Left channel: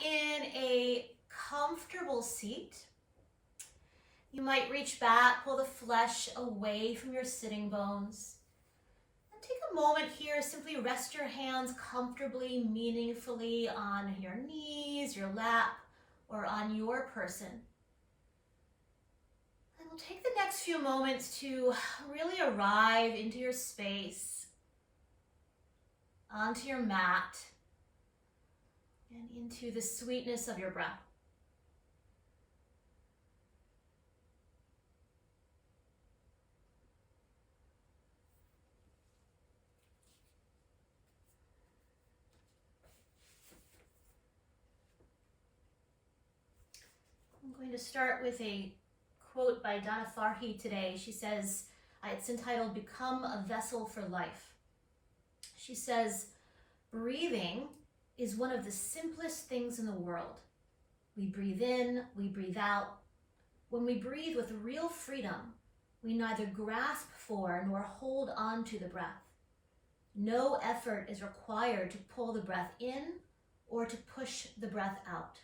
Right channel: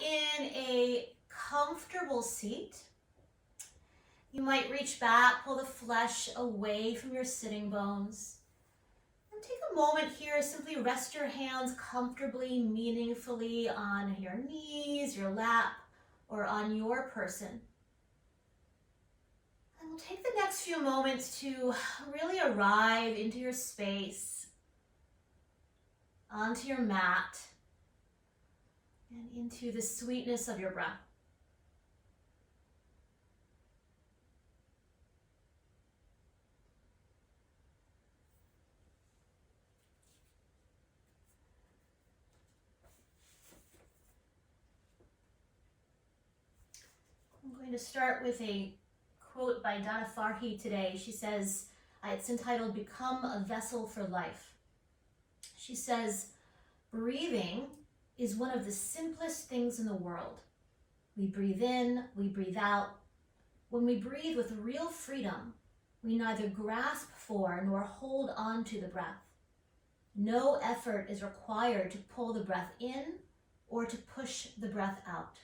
in a comfortable seat. You might reach back, pull the flesh away from your sitting bones. And take a moment here, simply rest your hands comfortably, meaningfully on your knees, your lap, or on your person. And we'll take the next few moments to really arrive into your space, onto your mat, and into the sweetness of your breath. I'm going to start with a quote by Donna Farhi today. She says, it's entitled, "Become a Vessel for Life." She says, "Breathing is one of the simplest things in the world. We breathe in, we breathe out. When we breathe with real freedom, we neither grasp for nor hold on to the breath. No effort is required to pull the breath in or to push the breath out.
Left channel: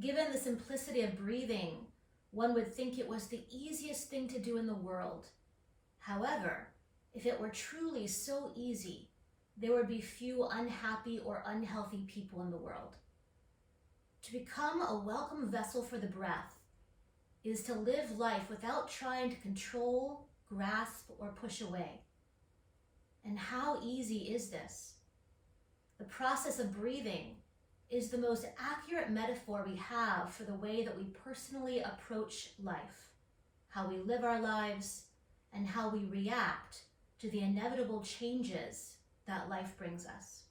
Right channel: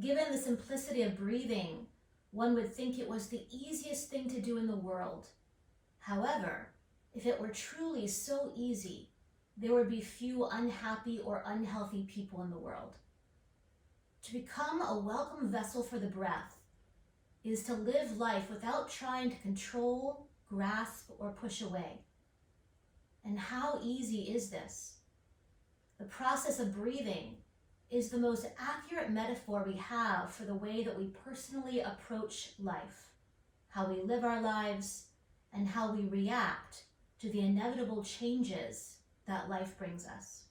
Given the simplicity of breathing, one would think it was the easiest thing to do in the world. However, if it were truly so easy, there would be few unhappy or unhealthy people in the world. To become a welcome vessel for the breath is to live life without trying to control, grasp, or push away. And how easy is this? The process of breathing is the most accurate metaphor we have for the way that we personally approach life, how we live our lives, and how we react to the inevitable changes that life brings us.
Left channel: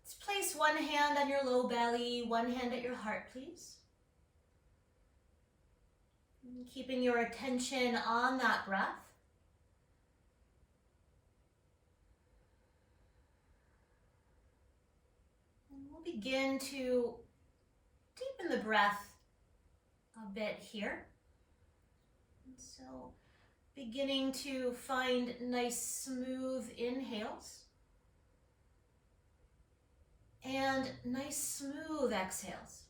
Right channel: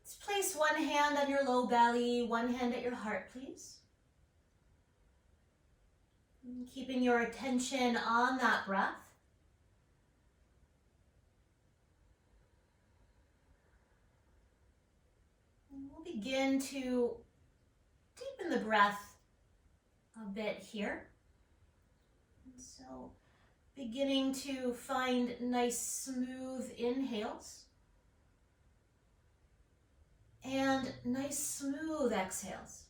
Let's place one hand on your low belly, one hand at your heart, please. And keeping your attention on that breath. And we'll begin to deepen the breath a bit here. And so beginning to find nice smooth inhales and nice smooth exhales.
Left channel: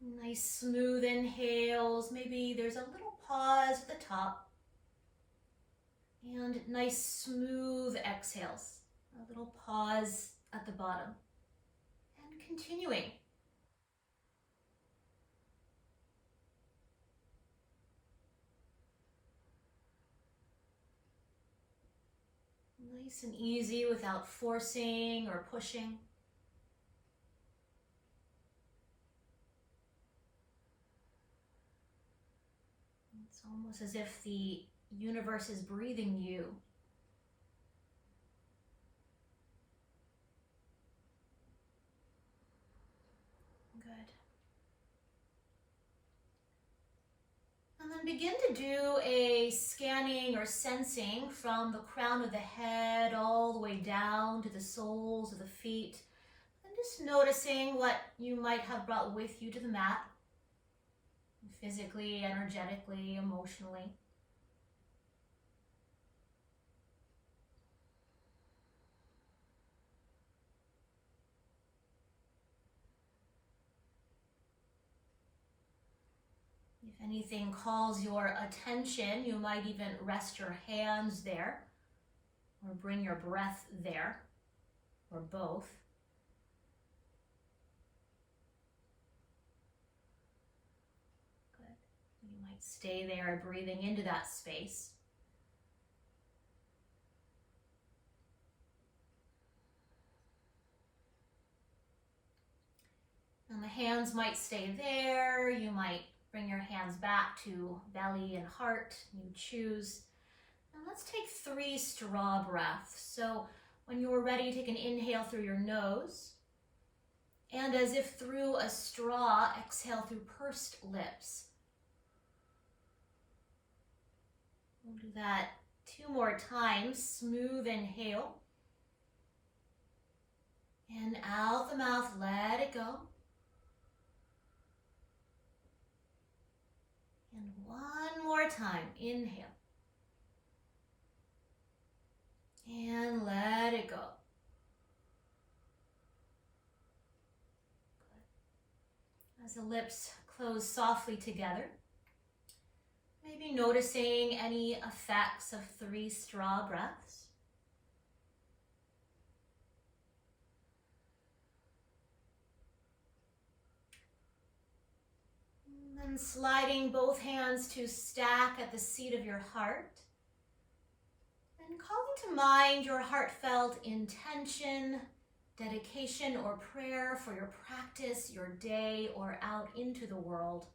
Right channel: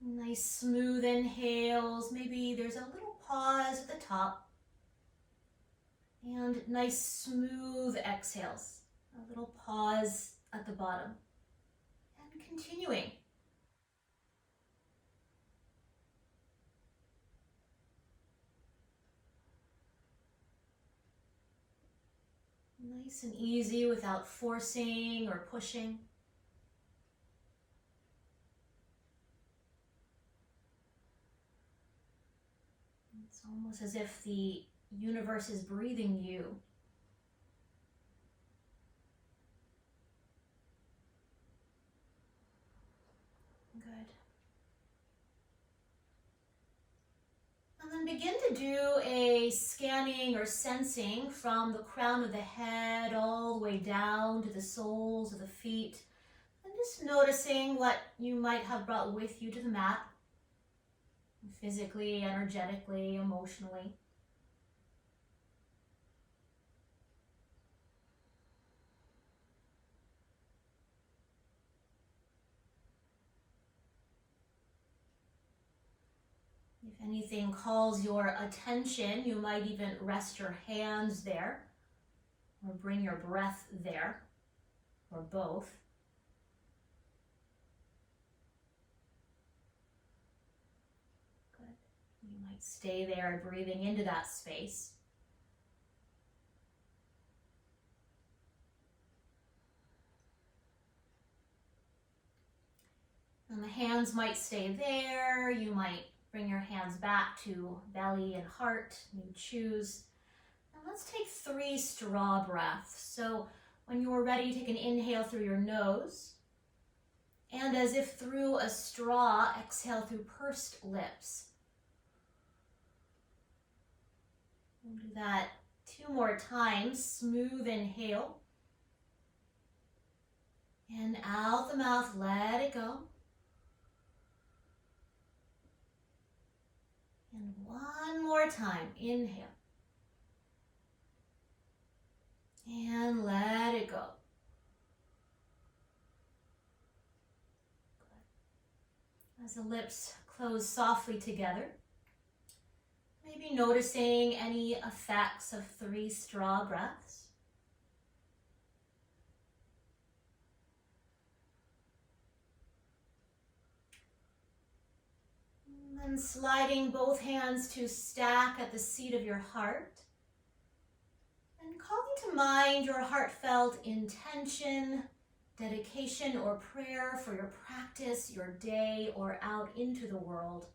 Nice smooth inhales, maybe there's a little pause at the top, and nice smooth exhales, a little pause at the bottom, and continuing. Nice and easy without forcing or pushing. It's almost as if the universe is breathing you. Good. And then begin to do a scanning or sensing from the crown of the head all the way down to the soles of the feet. And just noticing what you might have brought with you to the mat, physically, energetically, emotionally. If anything calls your attention, you might even rest your hands there, or bring your breath there, or both. Good. You might stay there, breathing into that space. And the hands might stay there. You might bring your hands back to belly and heart. You choose. Now let's take 3 straw breaths. So when you are ready, take an inhale through your nose. And as if through a straw, exhale through pursed lips. We'll do that 2 more times. Smooth inhale. And out the mouth, let it go. And one more time. Inhale. And let it go. Good. As the lips close softly together, maybe noticing any effects of 3 straw breaths. And then sliding both hands to stack at the seat of your heart. And calling to mind your heartfelt intention, dedication, or prayer for your practice, your day, or out into the world.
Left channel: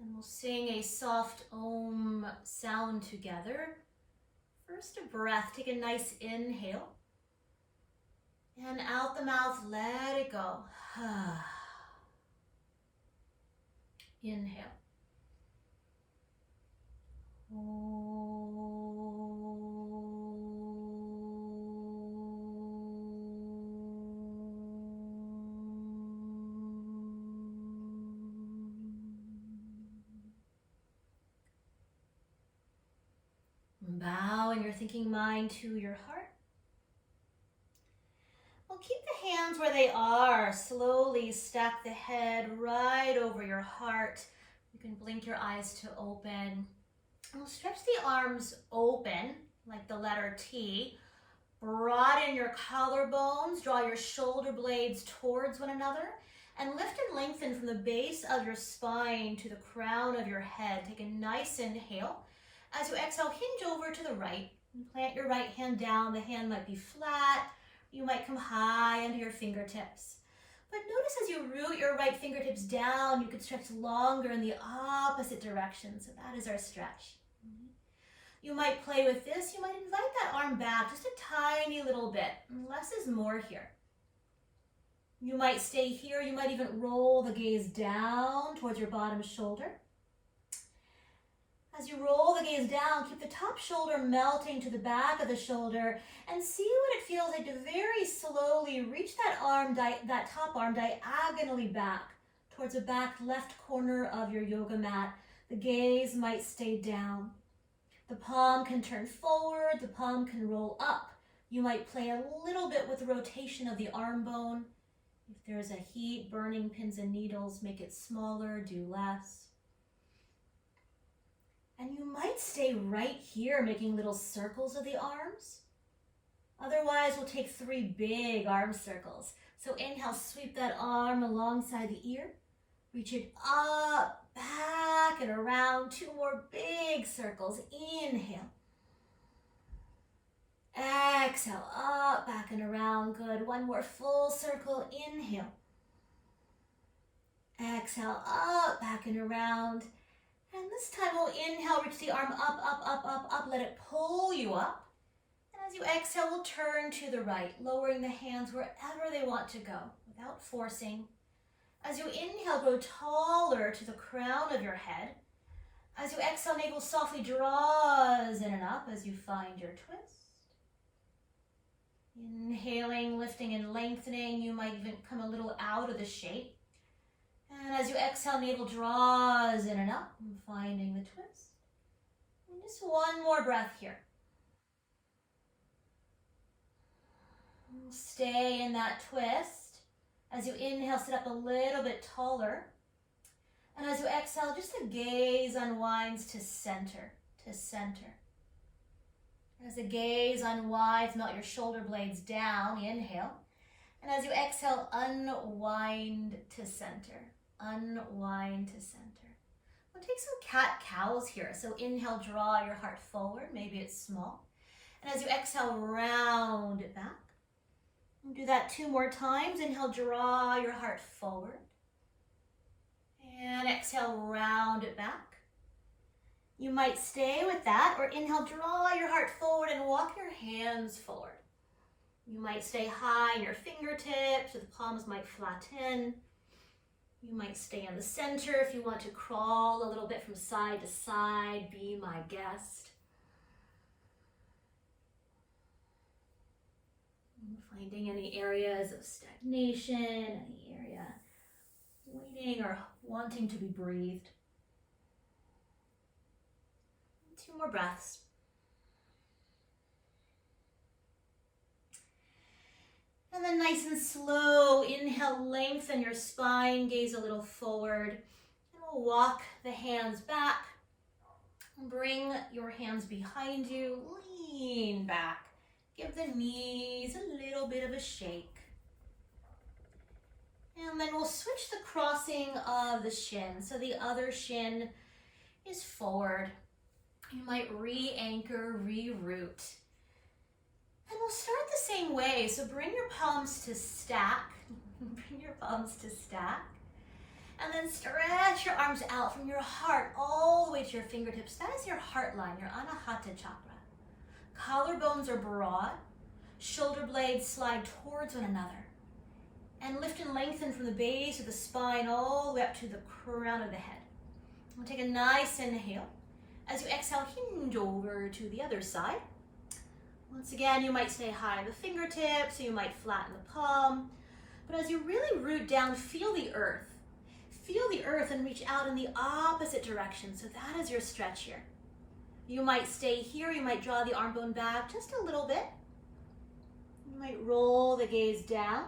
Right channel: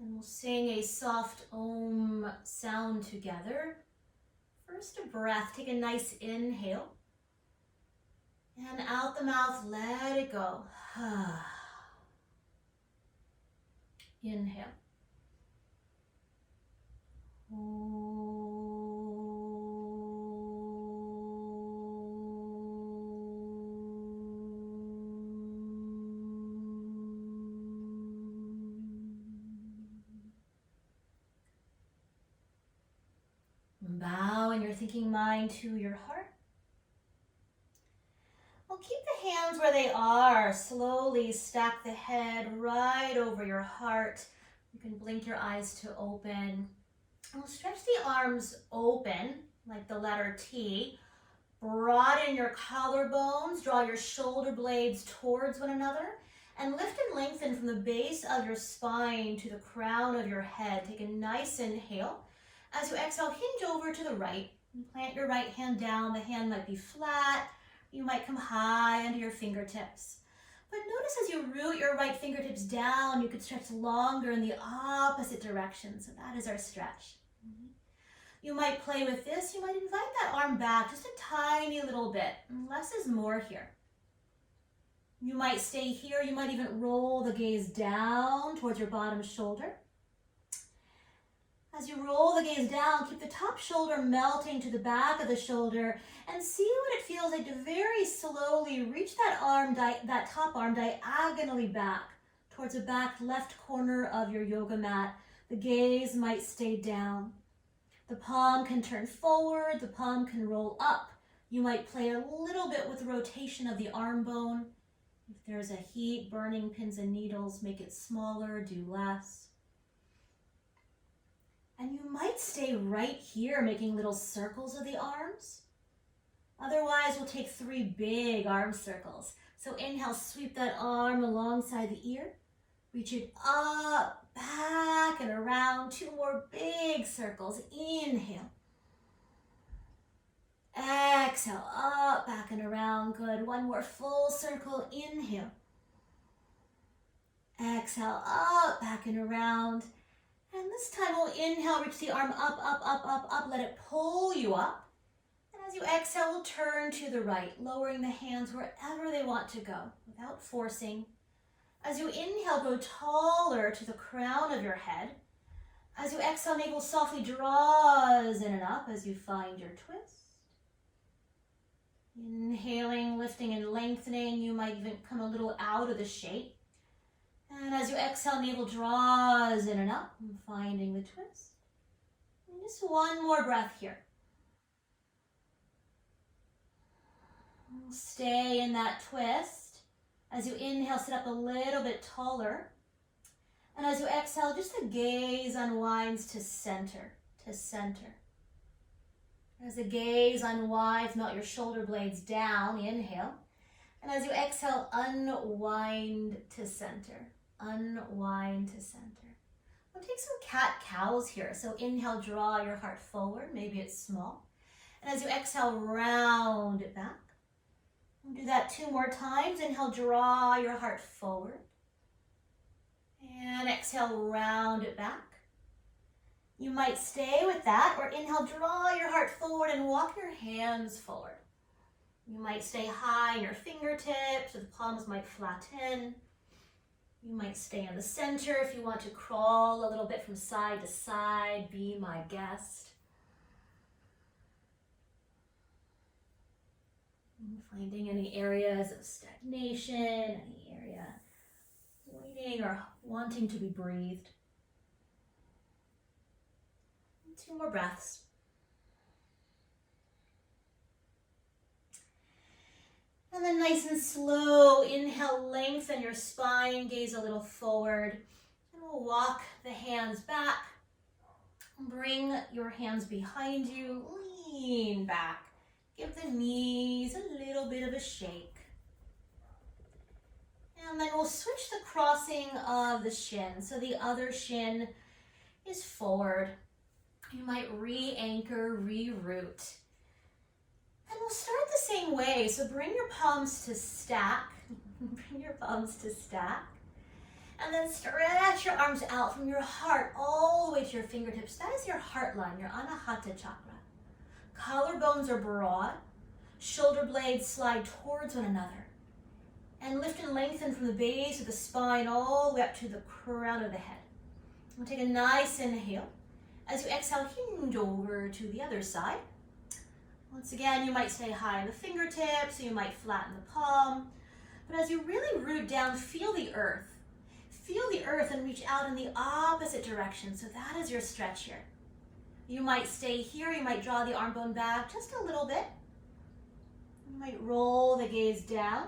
And we'll sing a soft Om sound together. First a breath, take a nice inhale. And out the mouth, let it go. Inhale. Bowing your thinking mind to your heart. Well, keep the hands where they are. Slowly stack the head right over your heart. You can blink your eyes to open. And we'll stretch the arms open, like the letter T. Broaden your collarbones. Draw your shoulder blades towards one another. And lift and lengthen from the base of your spine to the crown of your head. Take a nice inhale. As you exhale, hinge over to the right. Plant your right hand down. The hand might be flat. You might come high under your fingertips. But notice as you root your right fingertips down, you could stretch longer in the opposite direction. So that is our stretch. You might play with this. You might invite that arm back just a tiny little bit. Less is more here. You might stay here. You might even roll the gaze down towards your bottom shoulder. As you roll the gaze down, keep the top shoulder melting to the back of the shoulder and see what it feels like to very slowly reach that arm, that top arm diagonally back towards the back left corner of your yoga mat. The gaze might stay down. The palm can turn forward, the palm can roll up. You might play a little bit with the rotation of the arm bone. If there's a heat, burning pins and needles, make it smaller, do less. And you might stay right here, making little circles of the arms. Otherwise, we'll take 3 big arm circles. So inhale, sweep that arm alongside the ear. Reach it up, back, and around. 2 more big circles. Inhale. Exhale, up, back, and around. Good. 1 more full circle. Inhale. Exhale, up, back, and around. And this time we'll inhale, reach the arm up, up, up, up, up. Let it pull you up. And as you exhale, we'll turn to the right, lowering the hands wherever they want to go without forcing. As you inhale, go taller to the crown of your head. As you exhale, navel softly draws in and up as you find your twist. Inhaling, lifting, and lengthening. You might even come a little out of the shape. And as you exhale, navel draws in and up, and finding the twist. And just 1 more breath here. Stay in that twist. As you inhale, sit up a little bit taller. And as you exhale, just the gaze unwinds to center, to center. As the gaze unwinds, melt your shoulder blades down, inhale. And as you exhale, unwind to center. Unwind to center. We'll take some cat-cows here. So inhale, draw your heart forward. Maybe it's small. And as you exhale, round it back. We'll do that 2 more times. Inhale, draw your heart forward. And exhale, round it back. You might stay with that, or inhale, draw your heart forward and walk your hands forward. You might stay high in your fingertips, or the palms might flatten. You might stay in the center if you want to crawl a little bit from side to side. Be my guest. Finding any areas of stagnation, any area waiting or wanting to be breathed. 2 more breaths. And then nice and slow, inhale, lengthen your spine, gaze a little forward. And we'll walk the hands back. Bring your hands behind you, lean back. Give the knees a little bit of a shake. And then we'll switch the crossing of the shin. So the other shin is forward. You might re-anchor, re-root. And we'll start the same way. So bring your palms to stack. Bring your palms to stack. And then stretch your arms out from your heart all the way to your fingertips. That is your heart line, your Anahata chakra. Collarbones are broad. Shoulder blades slide towards one another. And lift and lengthen from the base of the spine all the way up to the crown of the head. We'll take a nice inhale. As you exhale, hinge over to the other side. Once again, you might stay high in the fingertips, you might flatten the palm. But as you really root down, feel the earth. Feel the earth and reach out in the opposite direction. So that is your stretch here. You might stay here, you might draw the arm bone back just a little bit. You might roll the gaze down.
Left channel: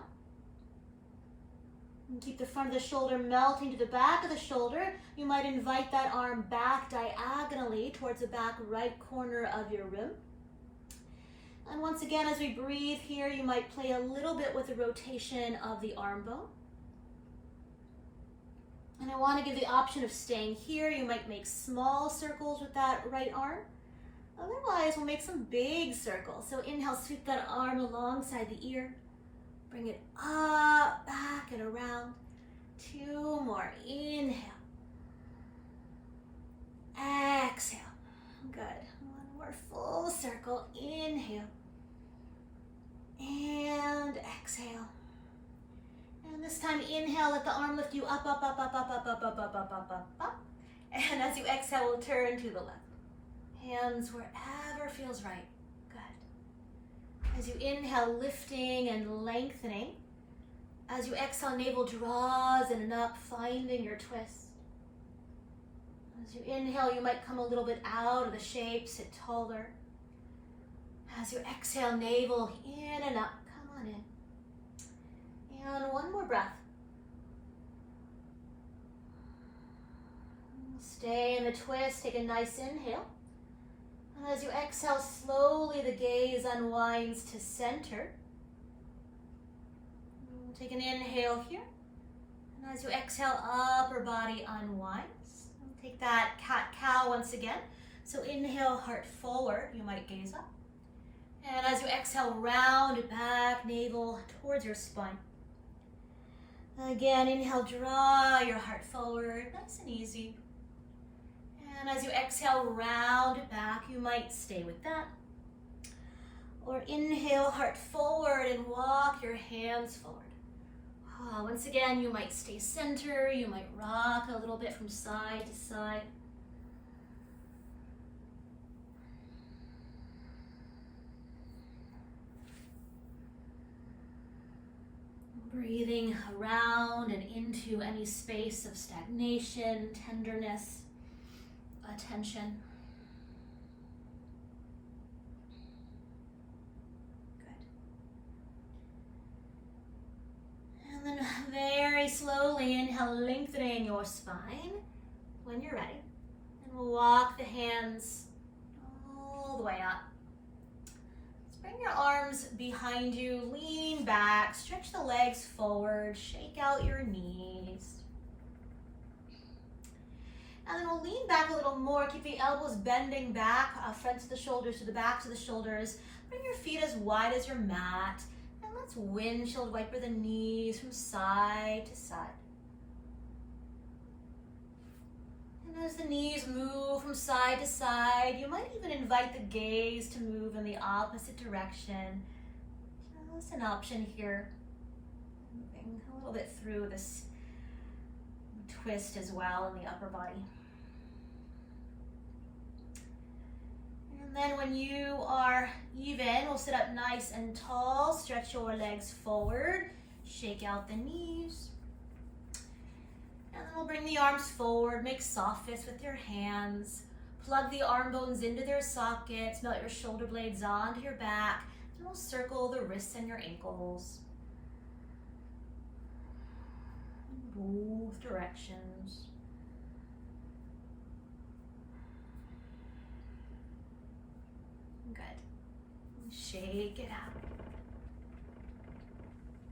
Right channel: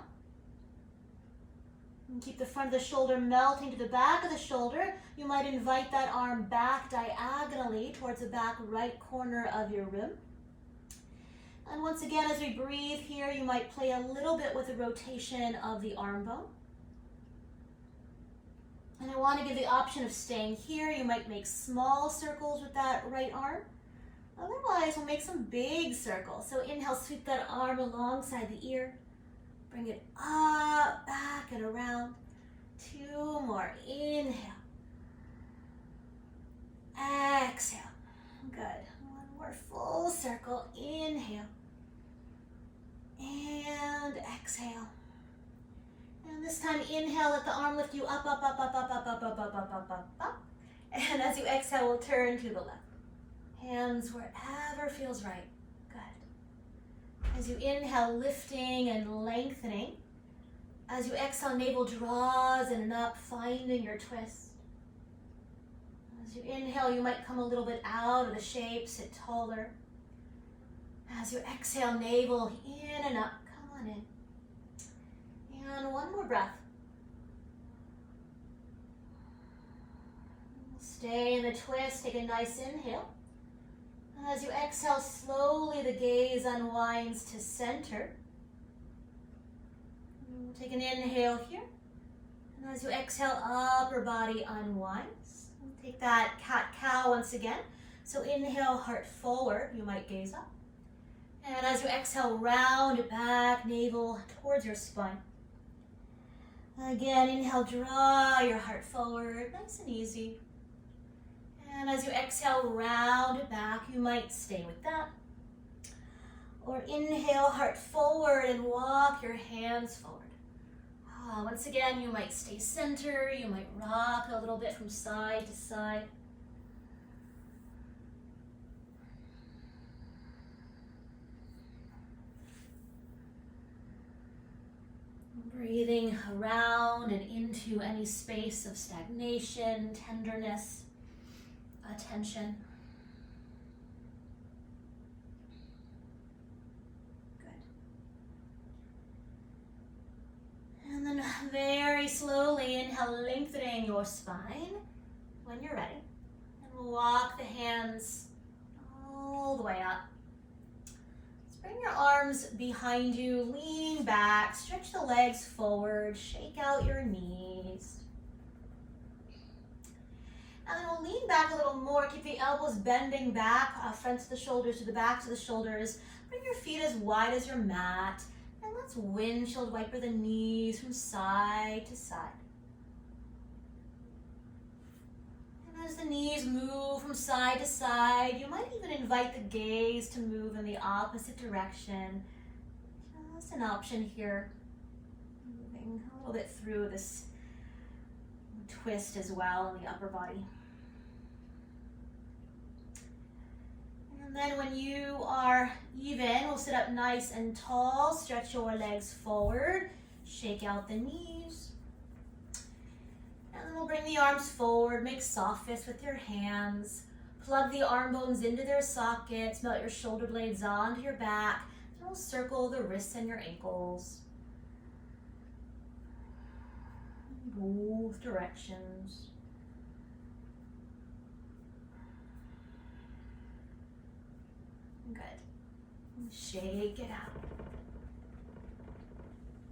And keep the front of the shoulder melting to the back of the shoulder. You might invite that arm back diagonally towards the back right corner of your rib. And once again, as we breathe here, you might play a little bit with the rotation of the arm bone. And I want to give the option of staying here. You might make small circles with that right arm. Otherwise, we'll make some big circles. So inhale, sweep that arm alongside the ear. Bring it up, back, and around. 2 more. Inhale. Exhale. Good. 1 more full circle. Inhale. And exhale. And this time, inhale, let the arm lift you up, up, up, up, up, up, up, up, up, up, up, up, up. And as you exhale, we'll turn to the left. Hands wherever feels right. Good. As you inhale, lifting and lengthening. As you exhale, navel draws in and up, finding your twist. As you inhale, you might come a little bit out of the shape, sit taller. As you exhale, navel in and up, come on in. And 1 more breath. Stay in the twist, take a nice inhale. And as you exhale, slowly the gaze unwinds to center. We'll take an inhale here. And as you exhale, upper body unwinds. Take that cat-cow once again. So inhale, heart forward. You might gaze up. And as you exhale, round it back, navel towards your spine. Again, inhale, draw your heart forward, nice and easy. And as you exhale, round it back. You might stay with that. Or inhale, heart forward, and walk your hands forward. Once again, you might stay center. You might rock a little bit from side to side. Breathing around and into any space of stagnation, tenderness, attention. Good. And then very slowly inhale, lengthening your spine when you're ready. And we'll walk the hands all the way up. Bring your arms behind you, lean back, stretch the legs forward, shake out your knees. And then we'll lean back a little more, keep the elbows bending back, front to the shoulders to the back to the shoulders. Bring your feet as wide as your mat, and let's windshield wiper the knees from side to side. As the knees move from side to side, you might even invite the gaze to move in the opposite direction. Just an option here. Moving a little bit through this twist as well in the upper body. And then when you are even, we'll sit up nice and tall, stretch your legs forward, shake out the knees. And then we'll bring the arms forward, make soft fists with your hands. Plug the arm bones into their sockets, melt your shoulder blades onto your back, and we'll circle the wrists and your ankles. Both directions. Good. Shake it out.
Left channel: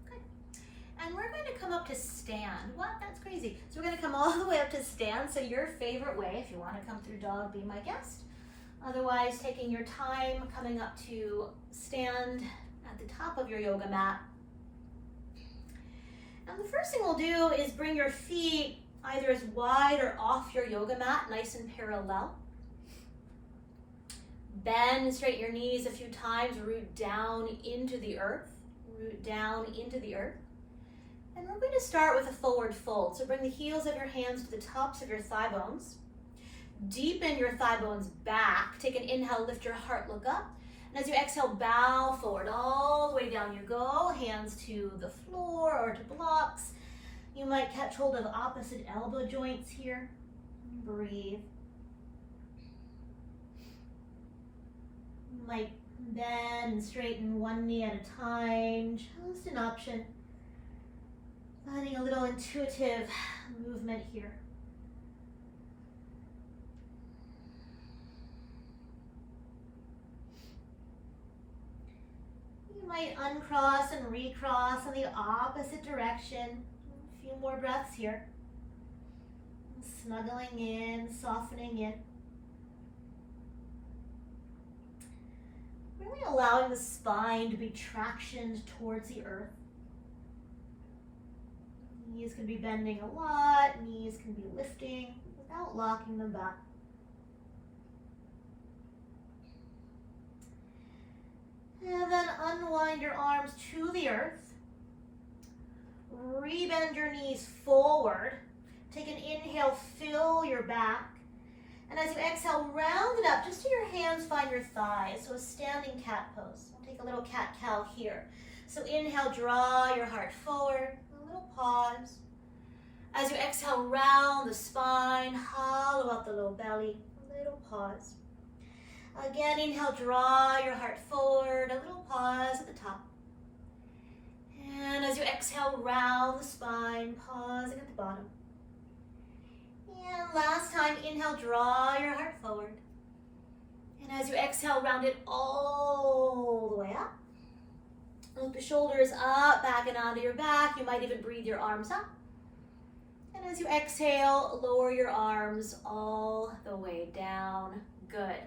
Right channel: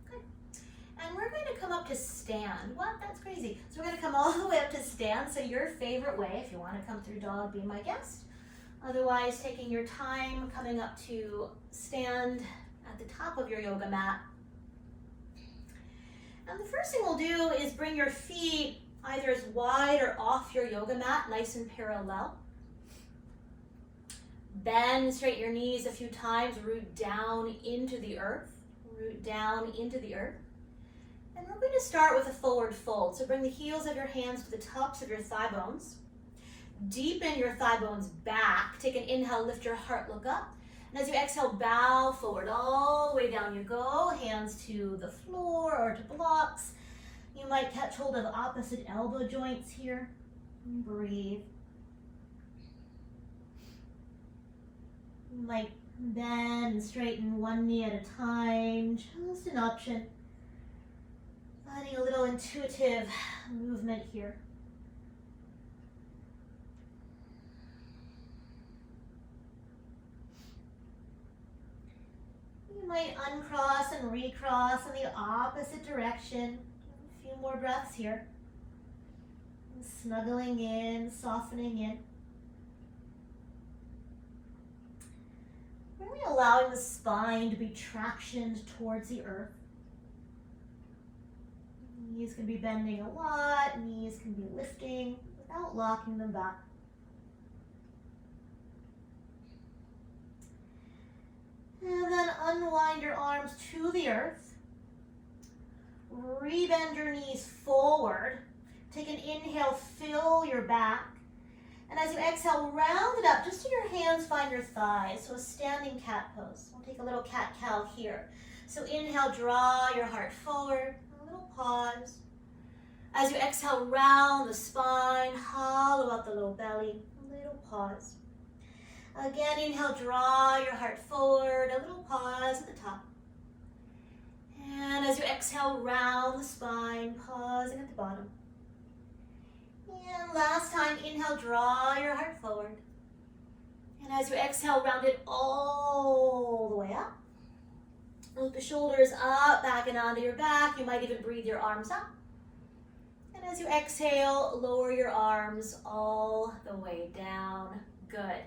Good. And we're going to come up to stand. What? That's crazy. So we're going to come all the way up to stand. So your favorite way, if you want to come through dog, be my guest. Otherwise, taking your time, coming up to stand at the top of your yoga mat. And the first thing we'll do is bring your feet either as wide or off your yoga mat, nice and parallel. Bend, straighten your knees a few times, root down into the earth. Root down into the earth. And we're going to start with a forward fold. So bring the heels of your hands to the tops of your thigh bones. Deepen your thigh bones back. Take an inhale, lift your heart, look up. And as you exhale, bow forward, all the way down you go. Hands to the floor or to blocks. You might catch hold of opposite elbow joints here. Breathe. You might bend and straighten one knee at a time, just an option. Adding a little intuitive movement here. You might uncross and recross in the opposite direction. A few more breaths here. Snuggling in, softening in. Really allowing the spine to be tractioned towards the earth. Knees can be bending a lot, knees can be lifting without locking them back. And then unwind your arms to the earth. Rebend your knees forward. Take an inhale, fill your back. And as you exhale, round it up just so your hands find your thighs. So a standing cat pose. We'll take a little cat-cow here. So inhale, draw your heart forward. A little pause. As you exhale, round the spine, hollow out the low belly. A little pause. Again, inhale, draw your heart forward. A little pause at the top. And as you exhale, round the spine, pausing at the bottom. And last time, inhale, draw your heart forward. And as you exhale, round it all the way up. Look the shoulders up, back and onto your back. You might even breathe your arms up. And as you exhale, lower your arms all the way down. Good.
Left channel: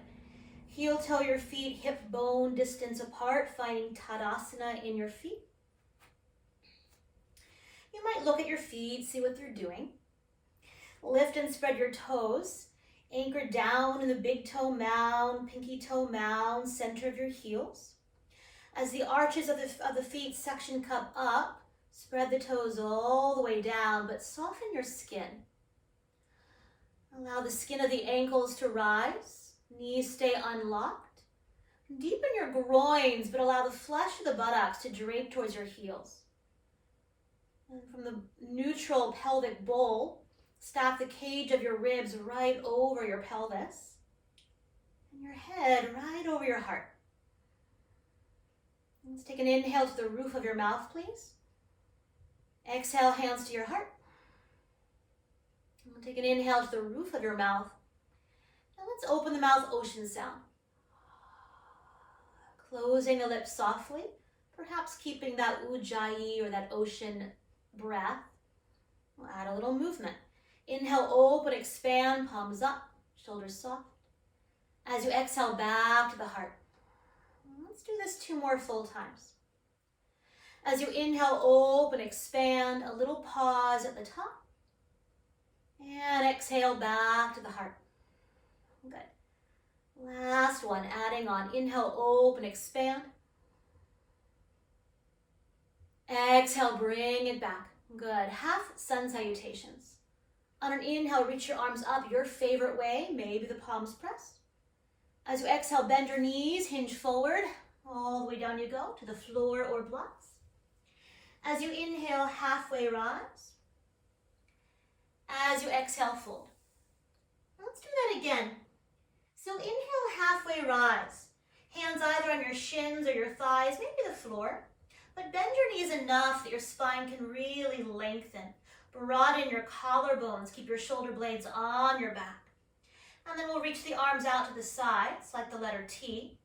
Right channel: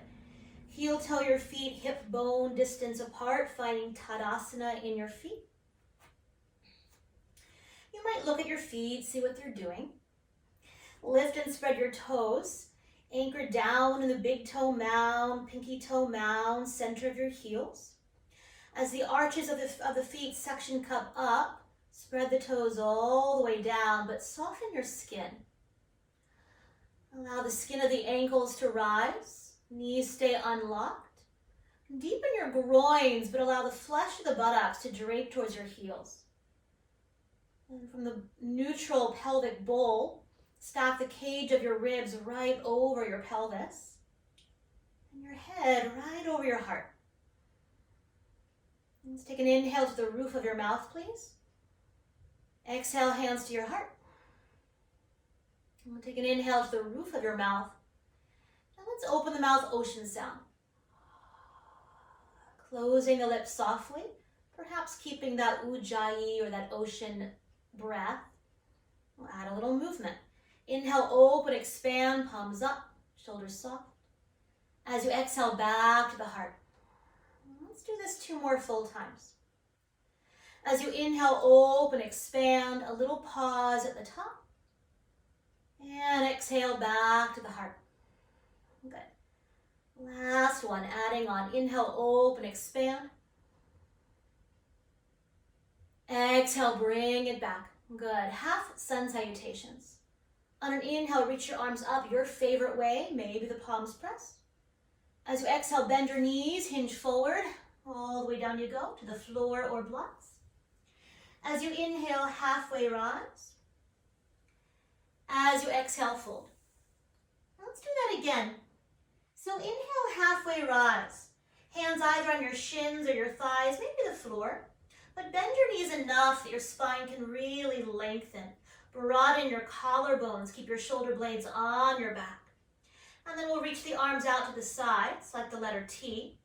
Heel toe your feet, hip bone distance apart, finding Tadasana in your feet. You might look at your feet, see what they're doing. Lift and spread your toes. Anchor down in the big toe mound, pinky toe mound, center of your heels. As the arches of the feet suction cup up, spread the toes all the way down, but soften your skin. Allow the skin of the ankles to rise. Knees stay unlocked. Deepen your groins, but allow the flesh of the buttocks to drape towards your heels. And from the neutral pelvic bowl, stack the cage of your ribs right over your pelvis. And your head right over your heart. Let's take an inhale to the roof of your mouth, please. Exhale, hands to your heart. And we'll take an inhale to the roof of your mouth. Now let's open the mouth, ocean sound. Closing the lips softly, perhaps keeping that ujjayi or that ocean breath. We'll add a little movement. Inhale, open, expand, palms up, shoulders soft. As you exhale, back to the heart. Let's do this 2 more full times. As you inhale, open, expand, a little pause at the top. And exhale, back to the heart. Good. Last one, adding on. Inhale, open, expand. Exhale, bring it back. Good. Half sun salutations. On an inhale, reach your arms up your favorite way, maybe the palms press. As you exhale, bend your knees, hinge forward. All the way down you go to the floor or blocks. As you inhale, halfway rise. As you exhale, fold. Let's do that again. So inhale, halfway rise. Hands either on your shins or your thighs, maybe the floor. But bend your knees enough that your spine can really lengthen. Broaden your collarbones. Keep your shoulder blades on your back. And then we'll reach the arms out to the sides, like the letter T.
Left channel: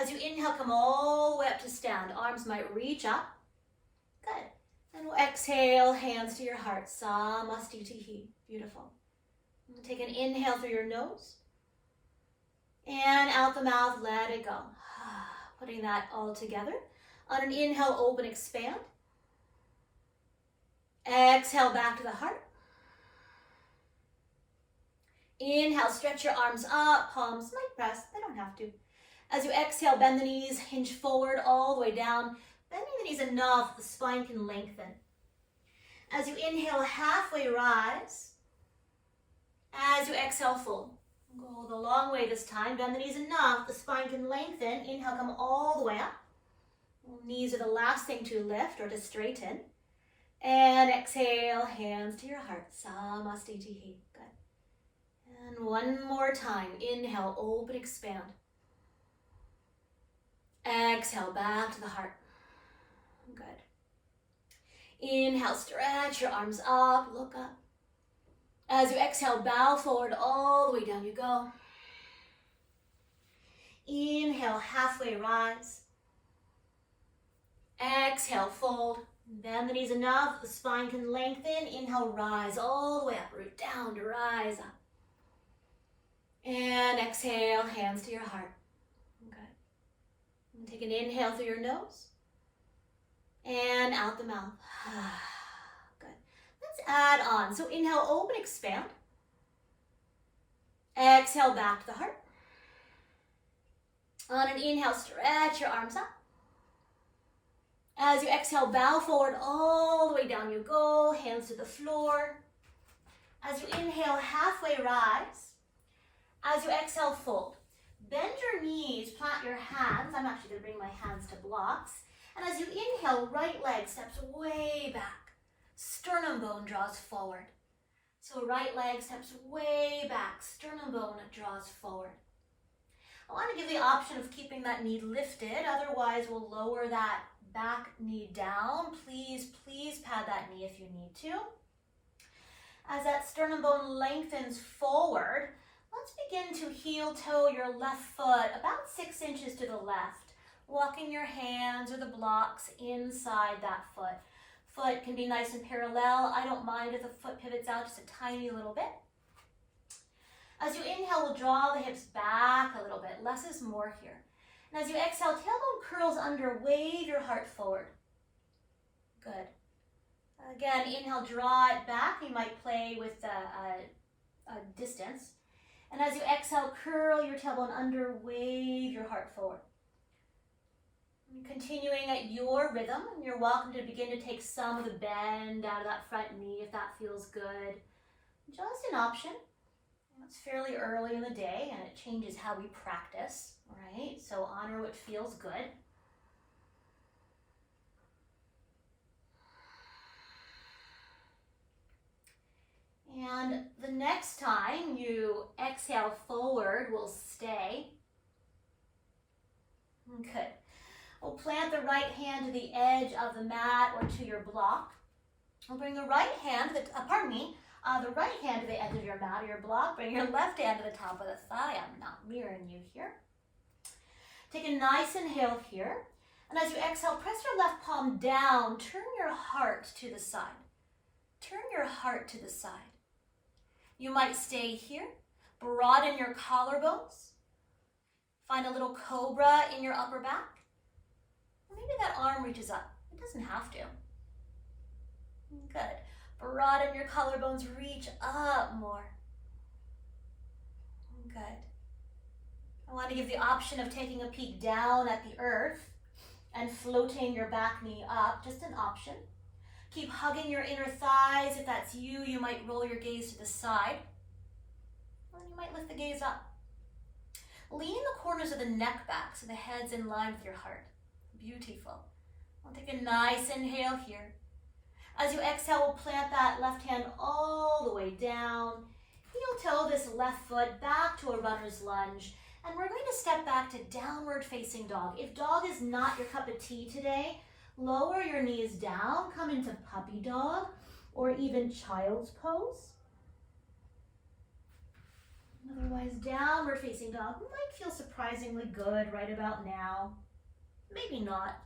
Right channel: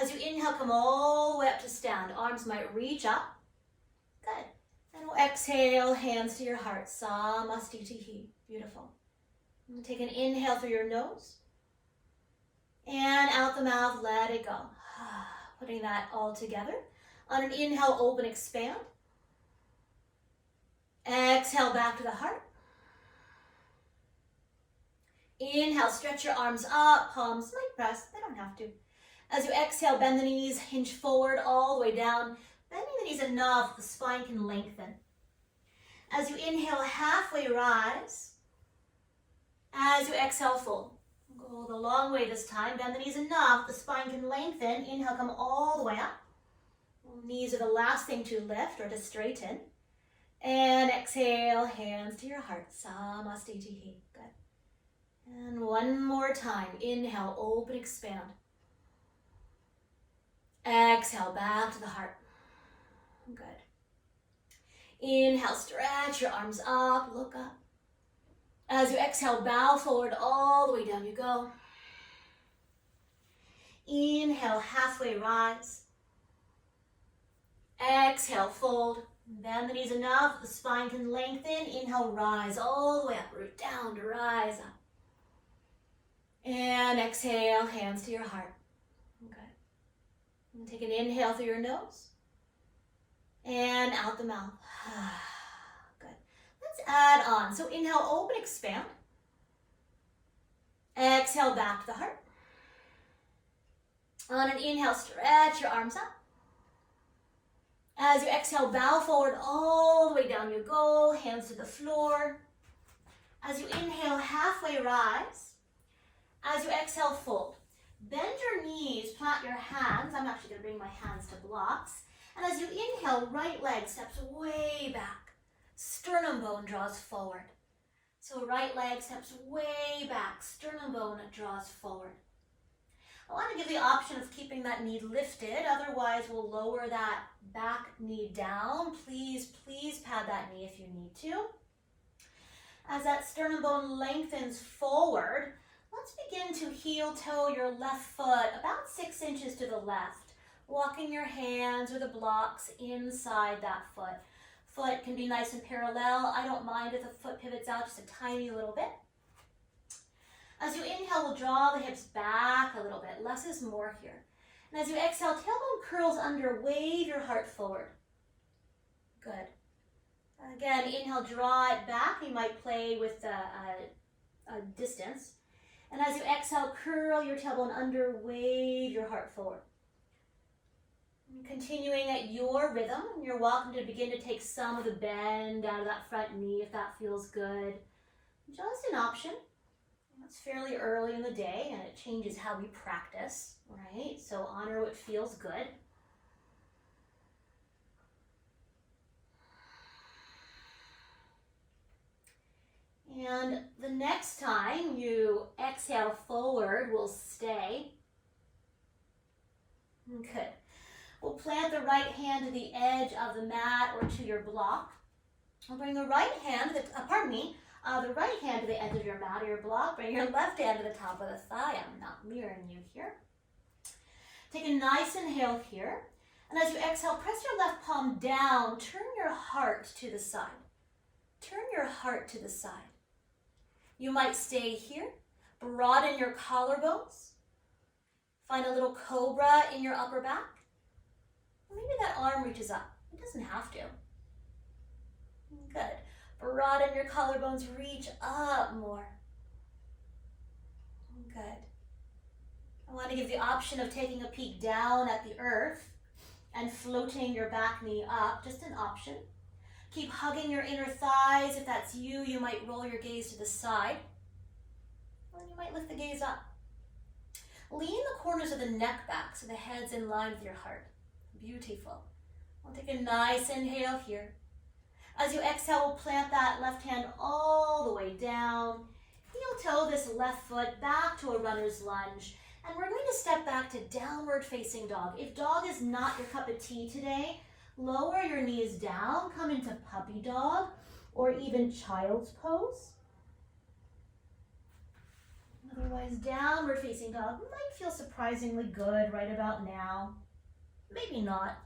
As you inhale, come all the way up to stand. Arms might reach up. Good. And we'll exhale, hands to your heart. Samastitihi. Beautiful. And take an inhale through your nose. And out the mouth, let it go. Putting that all together. On an inhale, open, expand. Exhale, back to the heart. Inhale, stretch your arms up. Palms might press. They don't have to. As you exhale, bend the knees, hinge forward all the way down. Bending the knees enough, the spine can lengthen. As you inhale, halfway rise. As you exhale, fold. Go the long way this time. Bend the knees enough, the spine can lengthen. Inhale, come all the way up. Knees are the last thing to lift or to straighten. And exhale, hands to your heart. Samastitihi. Good. And one more time. Inhale, open, expand. Exhale, back to the heart. Good. Inhale, stretch your arms up, look up. As you exhale, bow forward, all the way down you go. Inhale, halfway rise. Exhale, fold. Bend the knees enough, the spine can lengthen. Inhale, rise all the way up, root down to rise up. And exhale, hands to your heart. Okay. And take an inhale through your nose. And out the mouth. Good. Let's add on. So inhale, open, expand. Exhale, back to the heart. On an inhale, stretch your arms up. As you exhale, bow forward all the way down you go. Hands to the floor. As you inhale, halfway rise. As you exhale, fold. Bend your knees, plant your hands. I'm actually going to bring my hands to blocks. And as you inhale, right leg steps way back. Sternum bone draws forward. So right leg steps way back. Sternum bone draws forward. I want to give the option of keeping that knee lifted. Otherwise, we'll lower that back knee down. Please, please pad that knee if you need to. As that sternum bone lengthens forward, let's begin to heel toe your left foot about 6 inches to the left. Walking your hands or the blocks inside that foot. Foot can be nice and parallel. I don't mind if the foot pivots out just a tiny little bit. As you inhale, we'll draw the hips back a little bit. Less is more here. And as you exhale, tailbone curls under. Wave your heart forward. Good. Again, inhale, draw it back. You might play with a distance. And as you exhale, curl your tailbone under. Wave your heart forward. Continuing at your rhythm, and you're welcome to begin to take some of the bend out of that front knee if that feels good. Just an option. It's fairly early in the day and it changes how we practice, right? So honor what feels good. And the next time you exhale forward, we'll stay. Good. We'll plant the right hand to the edge of the mat or to your block. We'll bring the right hand, the right hand to the edge of your mat or your block. Bring your left hand to the top of the thigh. I'm not mirroring you here. Take a nice inhale here. And as you exhale, press your left palm down. Turn your heart to the side. Turn your heart to the side. You might stay here. Broaden your collarbones. Find a little cobra in your upper back. Maybe that arm reaches up. It doesn't have to. Good. Broaden your collarbones, reach up more. Good. I want to give the option of taking a peek down at the earth and floating your back knee up, just an option. Keep hugging your inner thighs. If that's you, you might roll your gaze to the side. Or you might lift the gaze up. Lean the corners of the neck back so the head's in line with your heart. Beautiful. We'll take a nice inhale here. As you exhale, we'll plant that left hand all the way down. Heel toe this left foot back to a runner's lunge. And we're going to step back to downward facing dog. If dog is not your cup of tea today, lower your knees down, come into puppy dog or even child's pose. Otherwise, downward facing dog might feel surprisingly good right about now. Maybe not.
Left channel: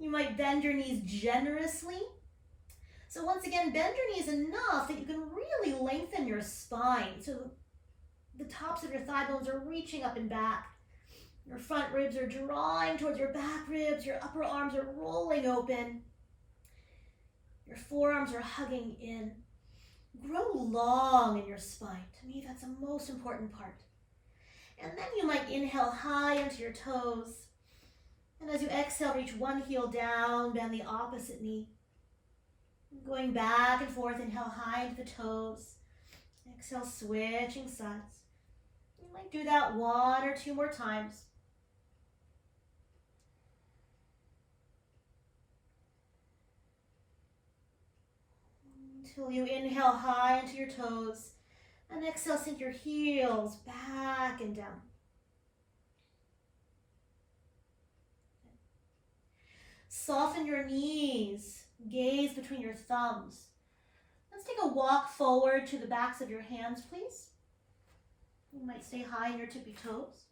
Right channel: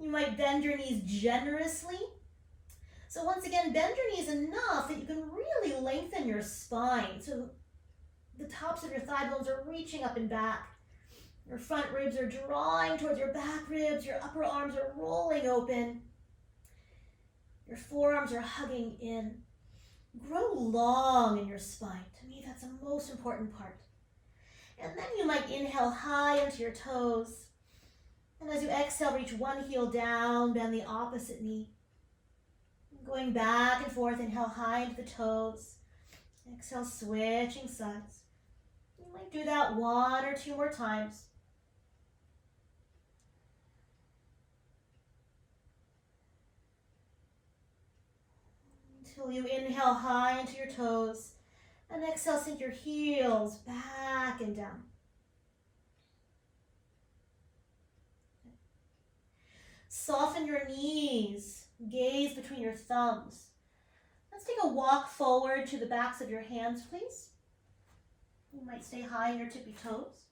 You might bend your knees generously. So once again, bend your knees enough that you can really lengthen your spine. So the tops of your thigh bones are reaching up and back. Your front ribs are drawing towards your back ribs. Your upper arms are rolling open. Your forearms are hugging in. Grow long in your spine. To me, that's the most important part. And then you might inhale high into your toes. And as you exhale, reach one heel down, bend the opposite knee. Going back and forth, inhale high into the toes. Exhale, switching sides. You might do that 1 or 2 more times. Until you inhale high into your toes. And exhale, sink your heels back and down. Soften your knees. Gaze between your thumbs. Let's take a walk forward to the backs of your hands, please. You might stay high in your tippy toes.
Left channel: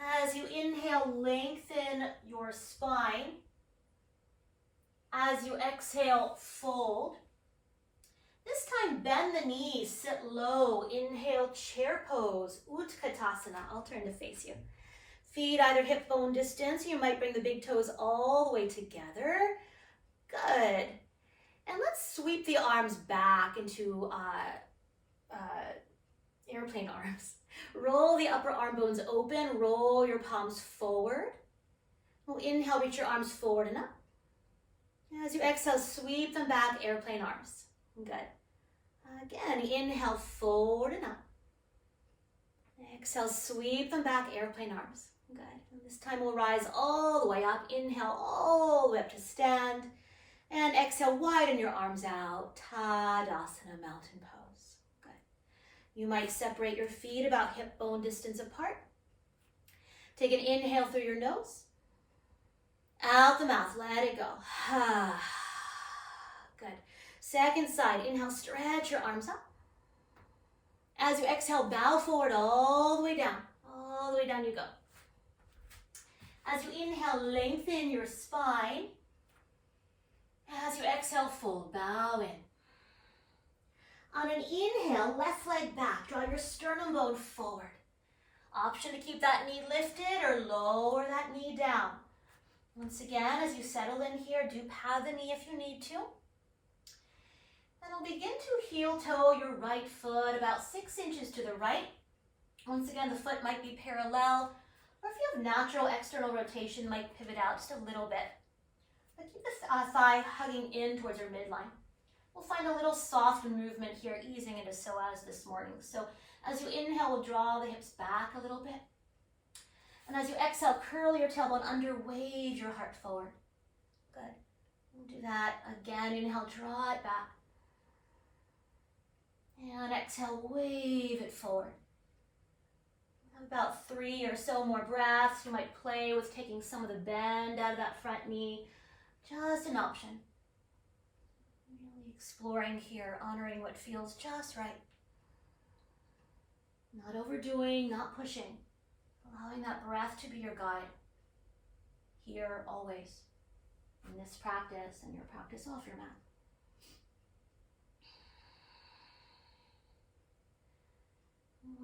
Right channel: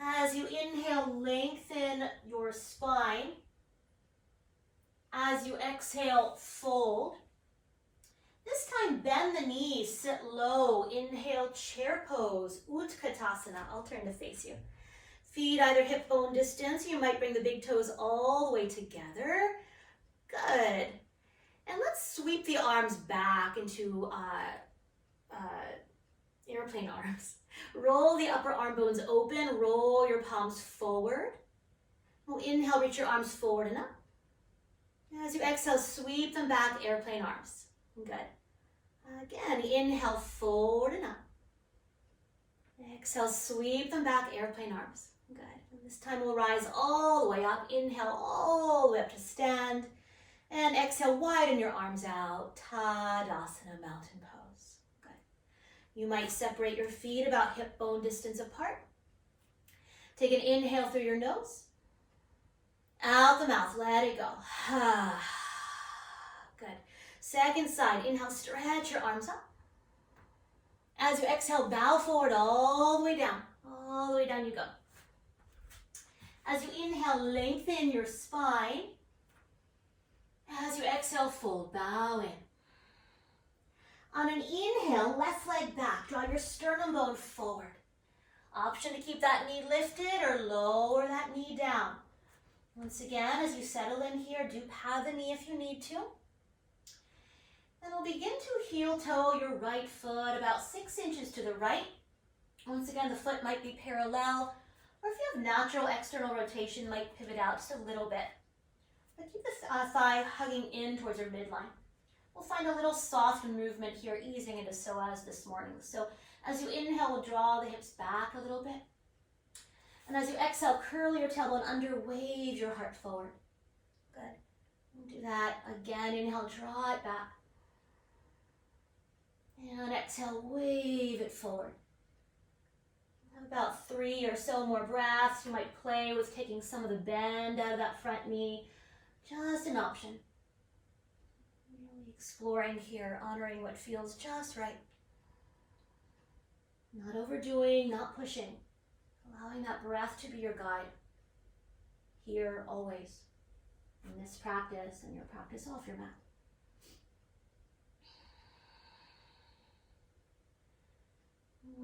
As you inhale, lengthen your spine. As you exhale, fold. This time, bend the knees, sit low. Inhale, chair pose, Utkatasana. I'll turn to face you. Feet either hip bone distance. You might bring the big toes all the way together. Good. And let's sweep the arms back into airplane arms. Roll the upper arm bones open. Roll your palms forward. We'll inhale, reach your arms forward and up. As you exhale, sweep them back, airplane arms. Good. Again, inhale, forward and up. Exhale, sweep them back, airplane arms. Good. And this time we'll rise all the way up. Inhale all the way up to stand. And exhale, widen your arms out. Tadasana, mountain pose. Good. You might separate your feet about hip bone distance apart. Take an inhale through your nose. Out the mouth, let it go. Good. Second side, inhale, stretch your arms up. As you exhale, bow forward all the way down. All the way down you go. As you inhale, lengthen your spine. As you exhale, fold, bow in. On an inhale, left leg back, draw your sternum bone forward. Option to keep that knee lifted or lower that knee down. Once again, as you settle in here, do pad the knee if you need to. Then we'll begin to heel toe your right foot about 6 inches to the right. Once again, the foot might be parallel, or if you have natural external rotation, might pivot out just a little bit. But keep the thigh hugging in towards your midline. We'll find a little soft movement here, easing into psoas this morning. So as you inhale, we'll draw the hips back a little bit. And as you exhale, curl your tailbone under, wave your heart forward. Good. We'll do that again. Inhale, draw it back. And exhale, wave it forward. About 3 or so more breaths. You might play with taking some of the bend out of that front knee. Just an option. Really exploring here, honoring what feels just right. Not overdoing, not pushing. Allowing that breath to be your guide. Here, always. In this practice and your practice off your mat.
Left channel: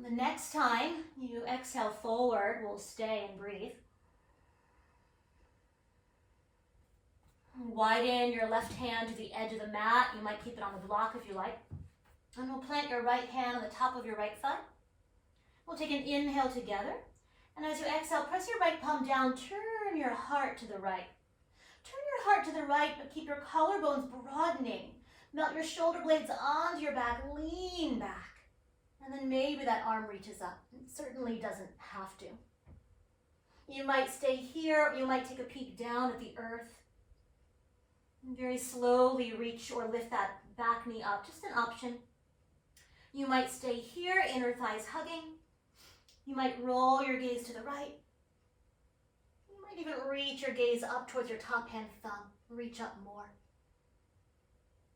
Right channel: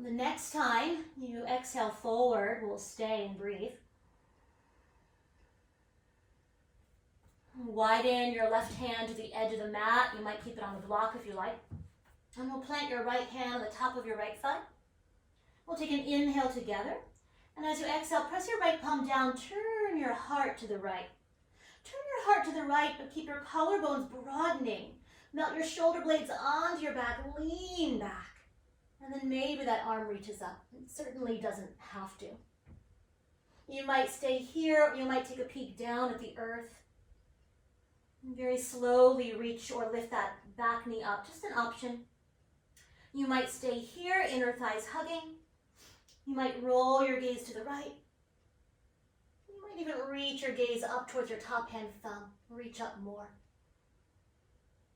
The next time you exhale forward, we'll stay and breathe. Widen your left hand to the edge of the mat. You might keep it on the block if you like. And we'll plant your right hand on the top of your right thigh. We'll take an inhale together. And as you exhale, press your right palm down. Turn your heart to the right. Turn your heart to the right, but keep your collarbones broadening. Melt your shoulder blades onto your back. Lean back. And then maybe that arm reaches up. It certainly doesn't have to. You might stay here, or you might take a peek down at the earth. And very slowly reach or lift that back knee up, just an option. You might stay here, inner thighs hugging. You might roll your gaze to the right. You might even reach your gaze up towards your top hand thumb. Reach up more.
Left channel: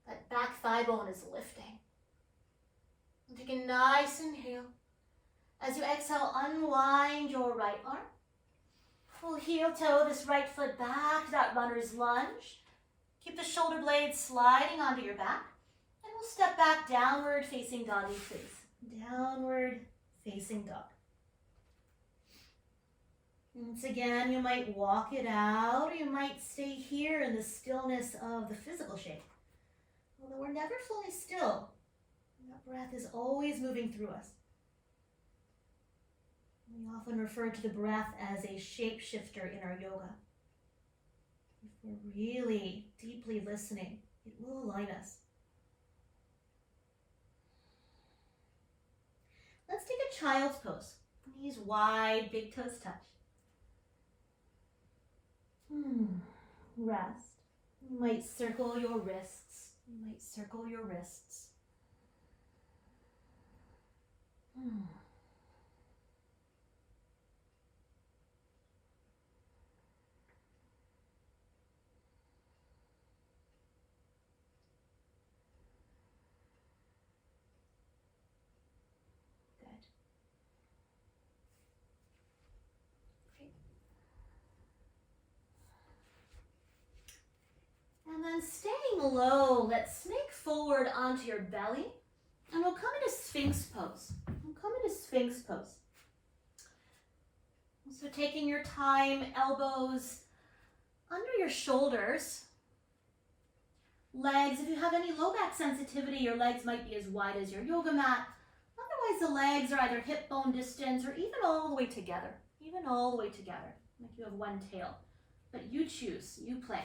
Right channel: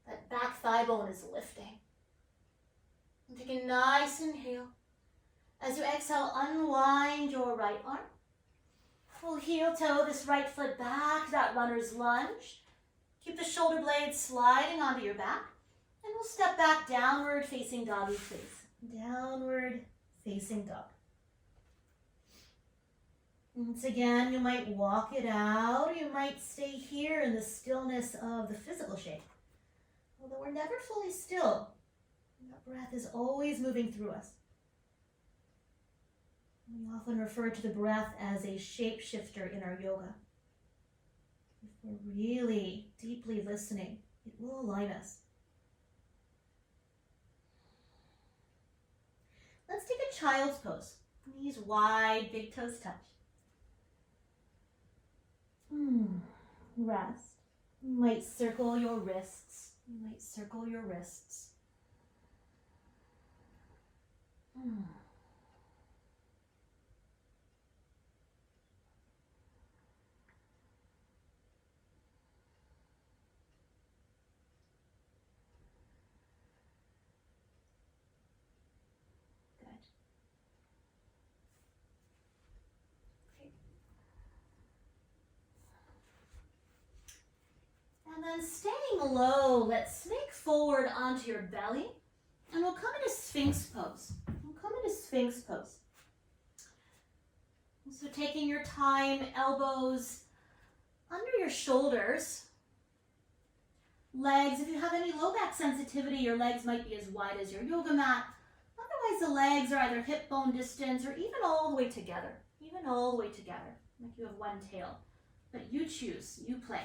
That back thigh bone is lifting. And take a nice inhale. As you exhale, unwind your right arm. Full heel toe this right foot back to that runner's lunge. Keep the shoulder blades sliding onto your back. And we'll step back downward facing doggy, please. Downward facing dog. Once again, you might walk it out, or you might stay here in the stillness of the physical shape. Although we're never fully still, that breath is always moving through us. We often refer to the breath as a shapeshifter in our yoga. If we're really deeply listening, it will align us. Let's take a child's pose. Knees wide, big toes touch. Rest. You might circle your wrists. You might circle your wrists. And then staying low, let's snake forward onto your belly, and we'll come into Sphinx pose. So taking your time, elbows under your shoulders, legs, if you have any low back sensitivity, your legs might be as wide as your yoga mat. Otherwise, the legs are either hip bone distance or even all the way together, like you have one tail. But you choose, you play.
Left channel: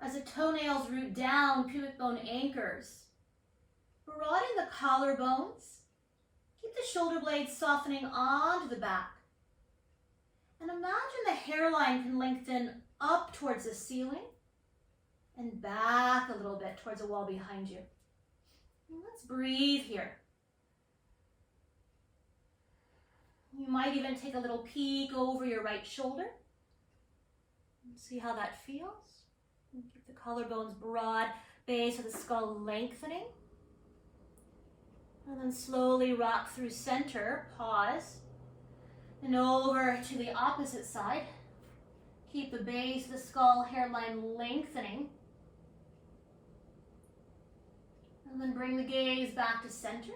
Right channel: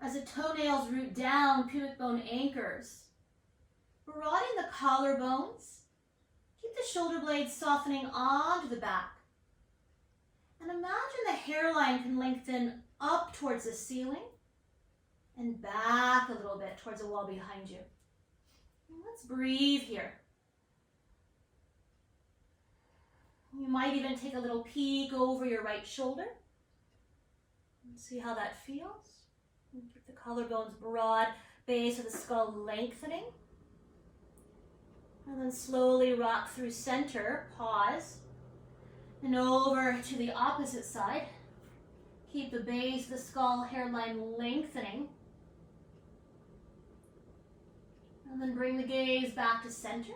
As the toenails root down, pubic bone anchors. Broaden the collarbones. Keep the shoulder blades softening onto the back. And imagine the hairline can lengthen up towards the ceiling and back a little bit towards the wall behind you. And let's breathe here. You might even take a little peek over your right shoulder and see how that feels. And keep the collarbones broad, base of the skull lengthening. And then slowly rock through center, pause, and over to the opposite side. Keep the base of the skull hairline lengthening. And then bring the gaze back to center.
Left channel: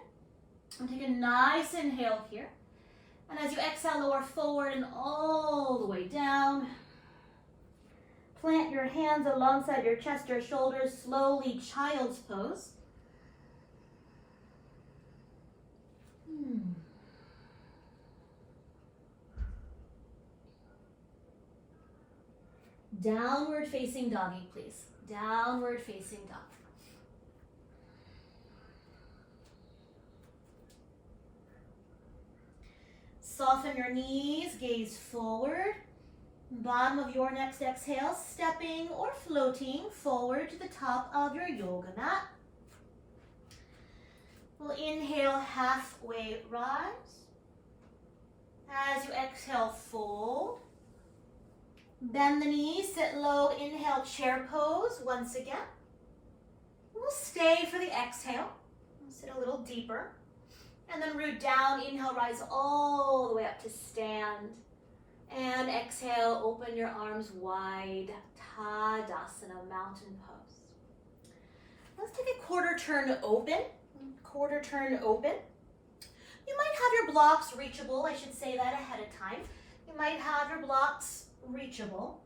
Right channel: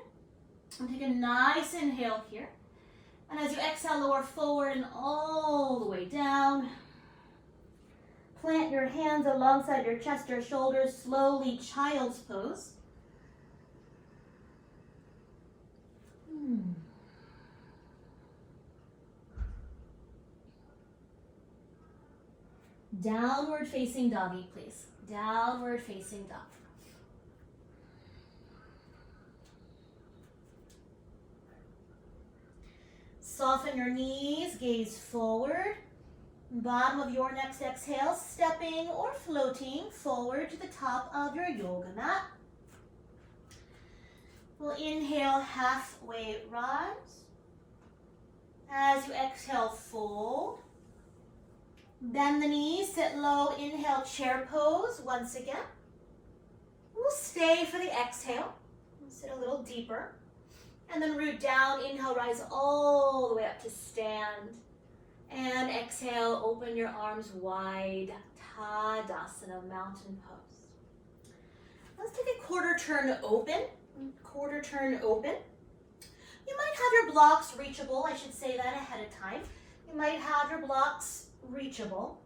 And take a nice inhale here. And as you exhale, lower forward and all the way down. Plant your hands alongside your chest or shoulders, slowly child's pose. Downward facing doggy, please. Downward facing dog. Soften your knees, gaze forward. Bottom of your next exhale, stepping or floating forward to the top of your yoga mat. We'll inhale, halfway rise. As you exhale, fold. Bend the knees, sit low, inhale, chair pose once again. We'll stay for the exhale. We'll sit a little deeper. And then root down, inhale, rise all the way up to stand. And exhale, open your arms wide, Tadasana, mountain pose. Let's take a quarter turn open. You might have your blocks reachable, I should say that ahead of time. You might have your blocks reachable.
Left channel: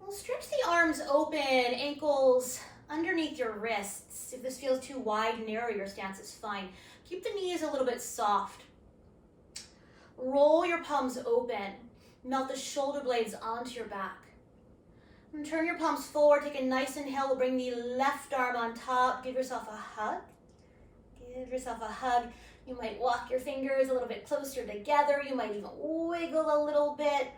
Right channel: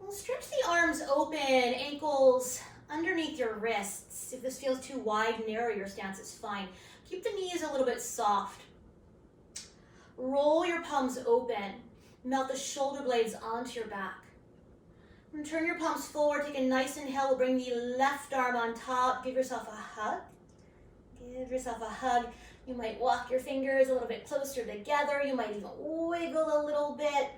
We'll stretch the arms open, ankles underneath your wrists. If this feels too wide and narrow, your stance is fine. Keep the knees a little bit soft. Roll your palms open. Melt the shoulder blades onto your back. And turn your palms forward, take a nice inhale. We'll bring the left arm on top. Give yourself a hug. Give yourself a hug. You might walk your fingers a little bit closer together. You might even wiggle a little bit.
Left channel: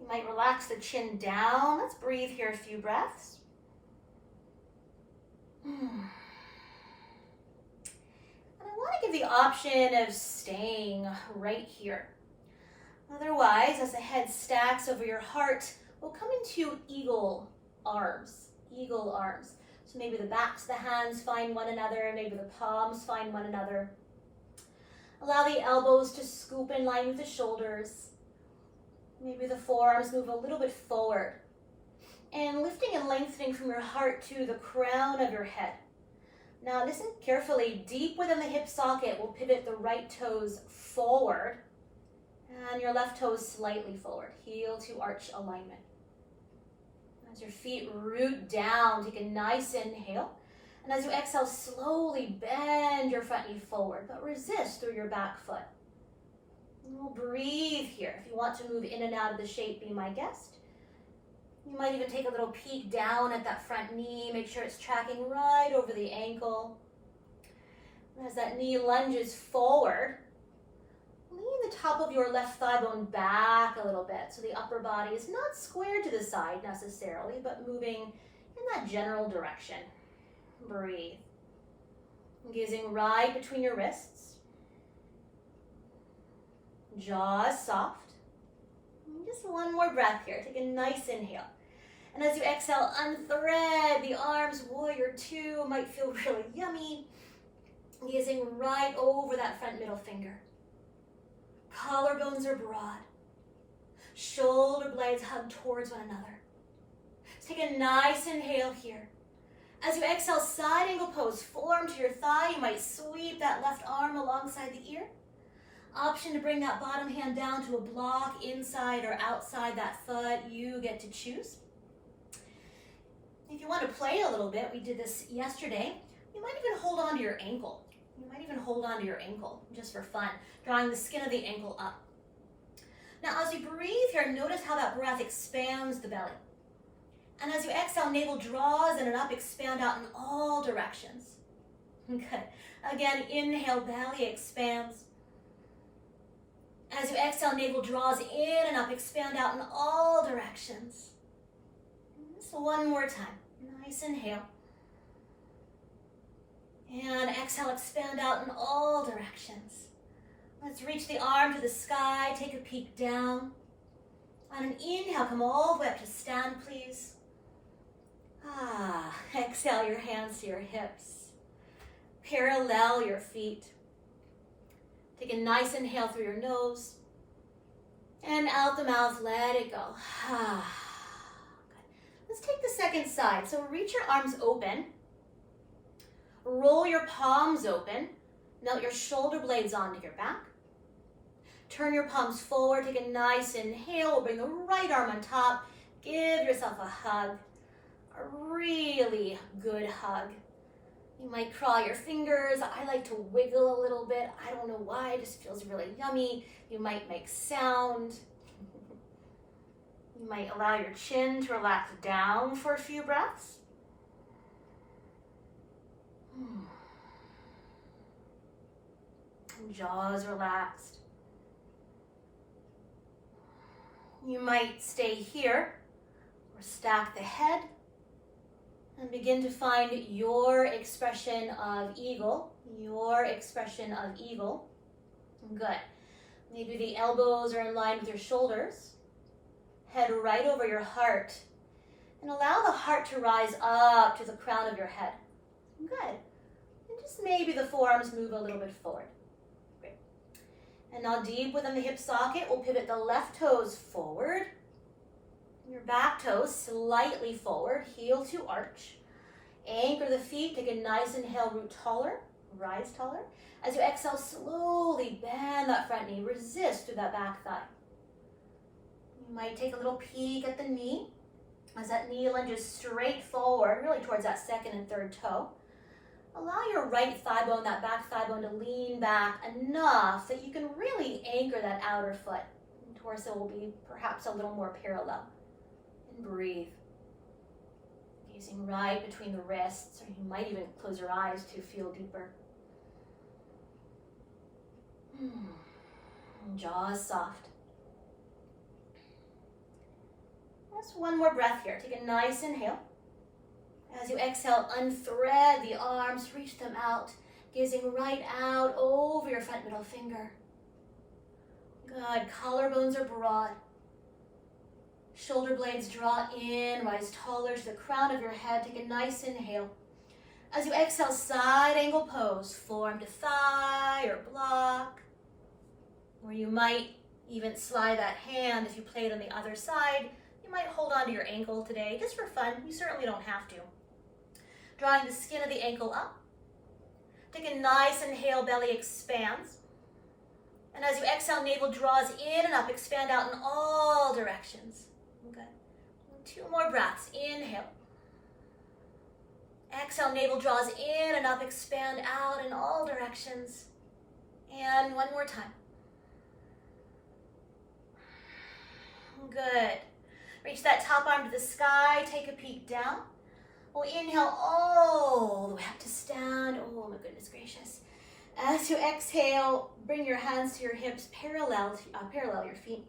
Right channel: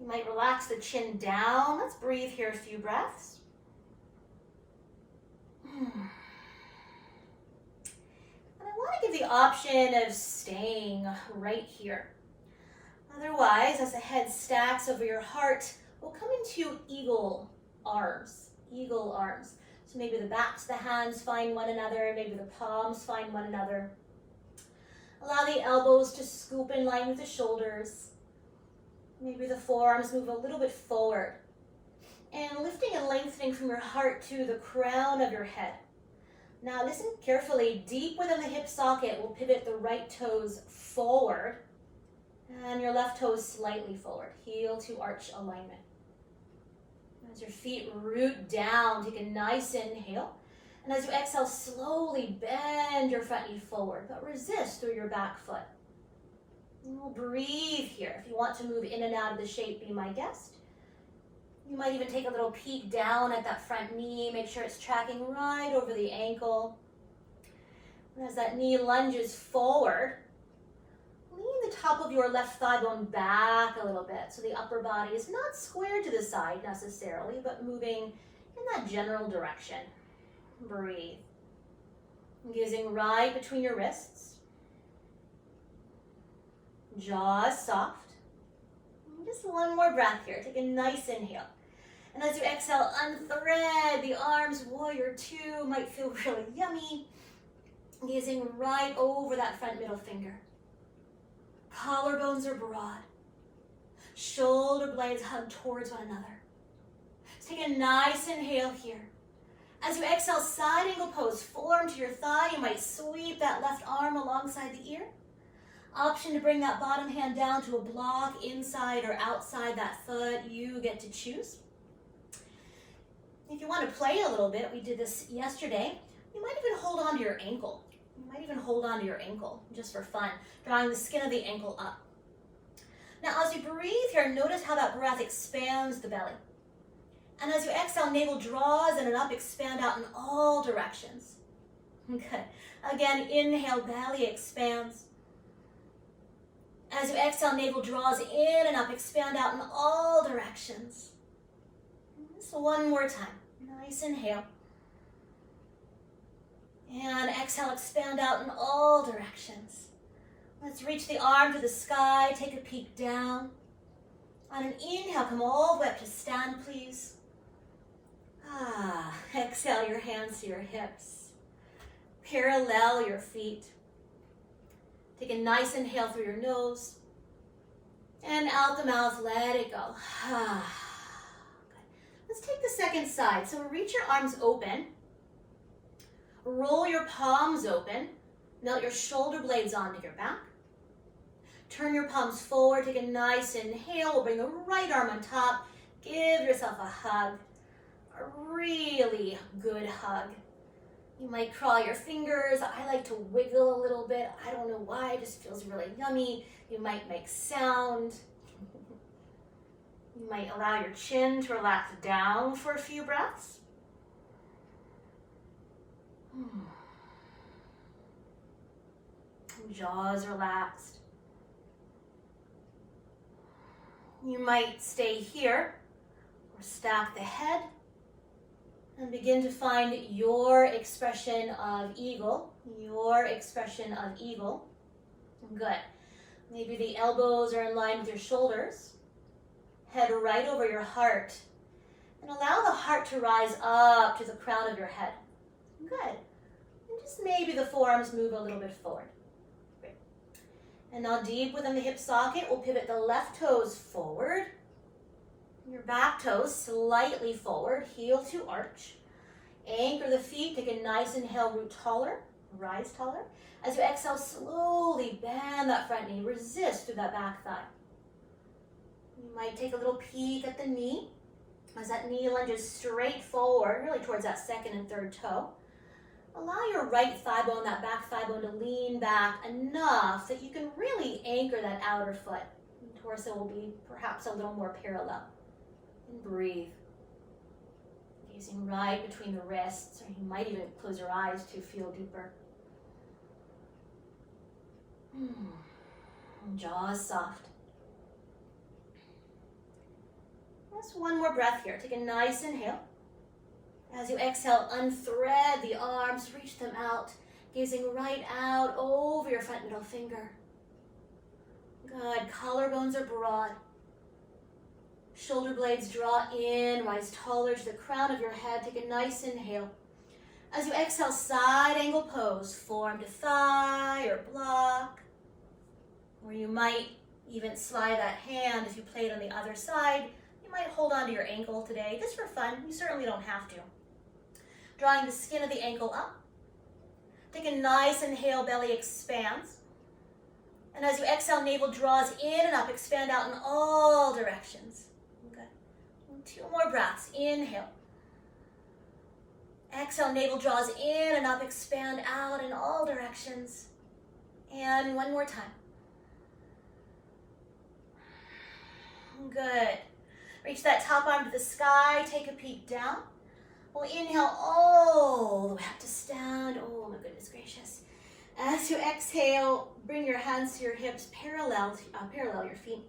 You might relax the chin down. Let's breathe here a few breaths. And I want to give the option of staying right here. Otherwise, as the head stacks over your heart, we'll come into eagle arms. Eagle arms. So maybe the backs of the hands find one another, maybe the palms find one another. Allow the elbows to scoop in line with the shoulders. Maybe the forearms move a little bit forward. And lifting and lengthening from your heart to the crown of your head. Now listen carefully. Deep within the hip socket, we'll pivot the right toes forward and your left toes slightly forward. Heel to arch alignment. As your feet root down, take a nice inhale. And as you exhale, slowly bend your front knee forward, but resist through your back foot. And we'll breathe here. If you want to move in and out of the shape, be my guest. You might even take a little peek down at that front knee. Make sure it's tracking right over the ankle. And as that knee lunges forward, lean the top of your left thigh bone back a little bit so the upper body is not square to the side necessarily, but moving in that general direction. Breathe. Gazing right between your wrists. Jaws soft. Just one more breath here. Take a nice inhale. And as you exhale, unthread the arms. Warrior two might feel really yummy. Gazing right over that front middle finger. Collarbones are broad. Shoulder blades hug towards one another. Let's take a nice inhale here. As you exhale, side angle pose. Forearm to your thigh. You might sweep that left arm alongside the ear. Option to bring that bottom hand down to a block inside or outside that foot. You get to choose. If you want to play a little bit, we did this yesterday, you might even hold on to your ankle. You might even hold on to your ankle just for fun, drawing the skin of the ankle up. Now as you breathe here, notice how that breath expands the belly. And as you exhale, navel draws in and up, expand out in all directions. Good. Again, inhale, belly expands. As you exhale, navel draws in and up, expand out in all directions. Just one more time. Nice inhale. And exhale, expand out in all directions. Let's reach the arm to the sky, take a peek down. On an inhale, come all the way up to stand, please. Exhale your hands to your hips. Parallel your feet. Take a nice inhale through your nose. And out the mouth, let it go. Good. Let's take the second side. So reach your arms open. Roll your palms open. Melt your shoulder blades onto your back. Turn your palms forward. Take a nice inhale. We'll bring the right arm on top. Give yourself a hug. A really good hug. You might crawl your fingers. I like to wiggle a little bit. I don't know why, it just feels really yummy. You might make sound. You might allow your chin to relax down for a few breaths. Jaws relaxed. You might stay here or stack the head. And begin to find your expression of eagle. Your expression of eagle. Good. Maybe the elbows are in line with your shoulders. Head right over your heart. And allow the heart to rise up to the crown of your head. Good. And just maybe the forearms move a little bit forward. Great. And now deep within the hip socket, we'll pivot the left toes forward. Your back toes slightly forward, heel to arch. Anchor the feet, take a nice inhale, root taller, rise taller. As you exhale, slowly bend that front knee, resist through that back thigh. You might take a little peek at the knee as that knee lunges straight forward, really towards that second and third toe. Allow your right thigh bone, that back thigh bone, to lean back enough that you can really anchor that outer foot. The torso will be perhaps a little more parallel. Breathe. Gazing right between the wrists, or you might even close your eyes to feel deeper. Jaws soft. Just one more breath here. Take a nice inhale. As you exhale, unthread the arms, reach them out, gazing right out over your front middle finger. Good. Collarbones are broad. Shoulder blades draw in, rise taller to the crown of your head. Take a nice inhale. As you exhale, side angle pose, forearm to thigh or block. Or you might even slide that hand if you played on the other side. You might hold onto your ankle today, just for fun. You certainly don't have to. Drawing the skin of the ankle up. Take a nice inhale, belly expands. And as you exhale, navel draws in and up, expand out in all directions. Okay. And 2 more breaths. Inhale. Exhale, navel draws in and up, expand out in all directions. And 1 more time. Good. Reach that top arm to the sky, take a peek down. We'll inhale all the way up to stand. Oh my goodness gracious. As you exhale, bring your hands to your hips, parallel your feet.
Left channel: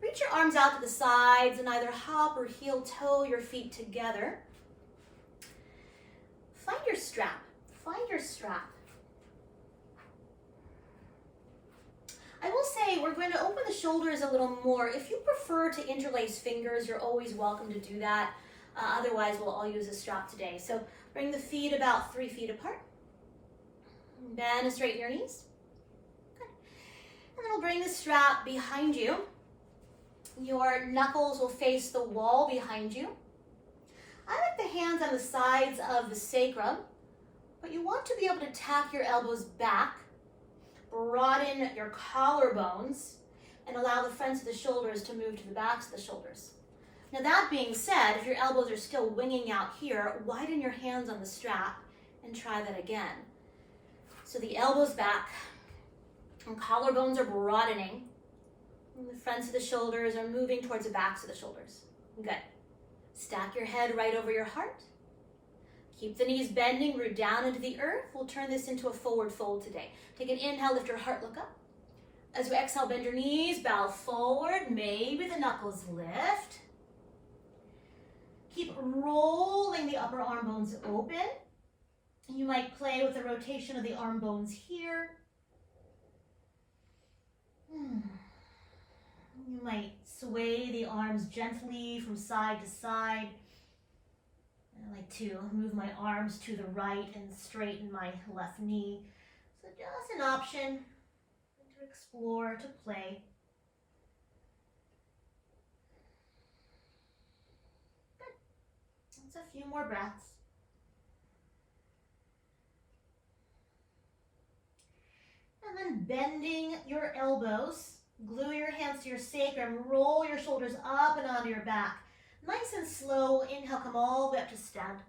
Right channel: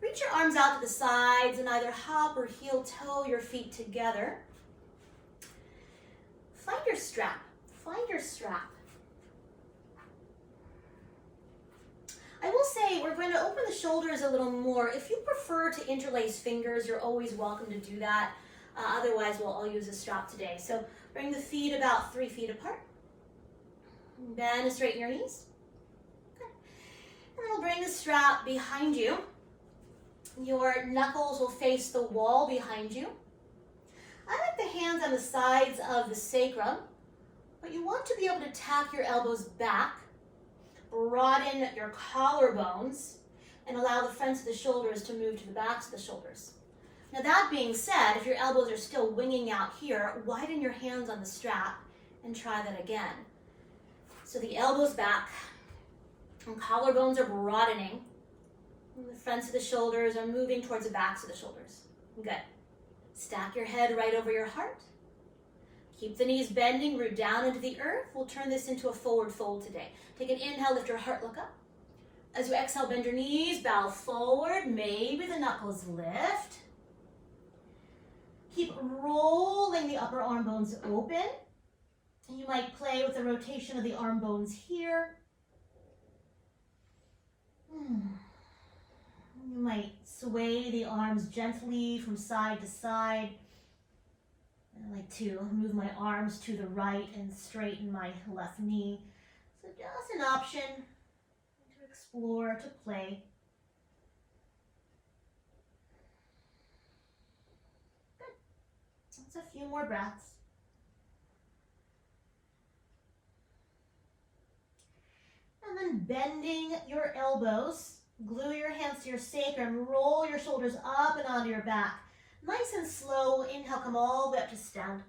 Reach your arms out to the sides and either hop or heel toe your feet together. Find your strap. Find your strap. I will say we're going to open the shoulders a little more. If you prefer to interlace fingers, you're always welcome to do that. Otherwise, we'll all use a strap today. So bring the feet about 3 feet apart. Bend and straighten your knees. Good. And then we'll bring the strap behind you. Your knuckles will face the wall behind you. I like the hands on the sides of the sacrum, but you want to be able to tack your elbows back, broaden your collarbones, and allow the fronts of the shoulders to move to the backs of the shoulders. Now that being said, if your elbows are still winging out here, widen your hands on the strap and try that again. So the elbows back, and collarbones are broadening, and the fronts of the shoulders are moving towards the backs of the shoulders. Good. Stack your head right over your heart. Keep the knees bending, root down into the earth. We'll turn this into a forward fold today. Take an inhale, lift your heart, look up. As you exhale, bend your knees, bow forward. Maybe the knuckles lift. Keep rolling the upper arm bones open. You might play with the rotation of the arm bones here. You might sway the arms gently from side to side. I like to move my arms to the right and straighten my left knee. So just an option to explore, to play. Good. That's a few more breaths. And then bending your elbows, glue your hands to your sacrum, roll your shoulders up and onto your back. Nice and slow. Inhale, come all the way up to stand.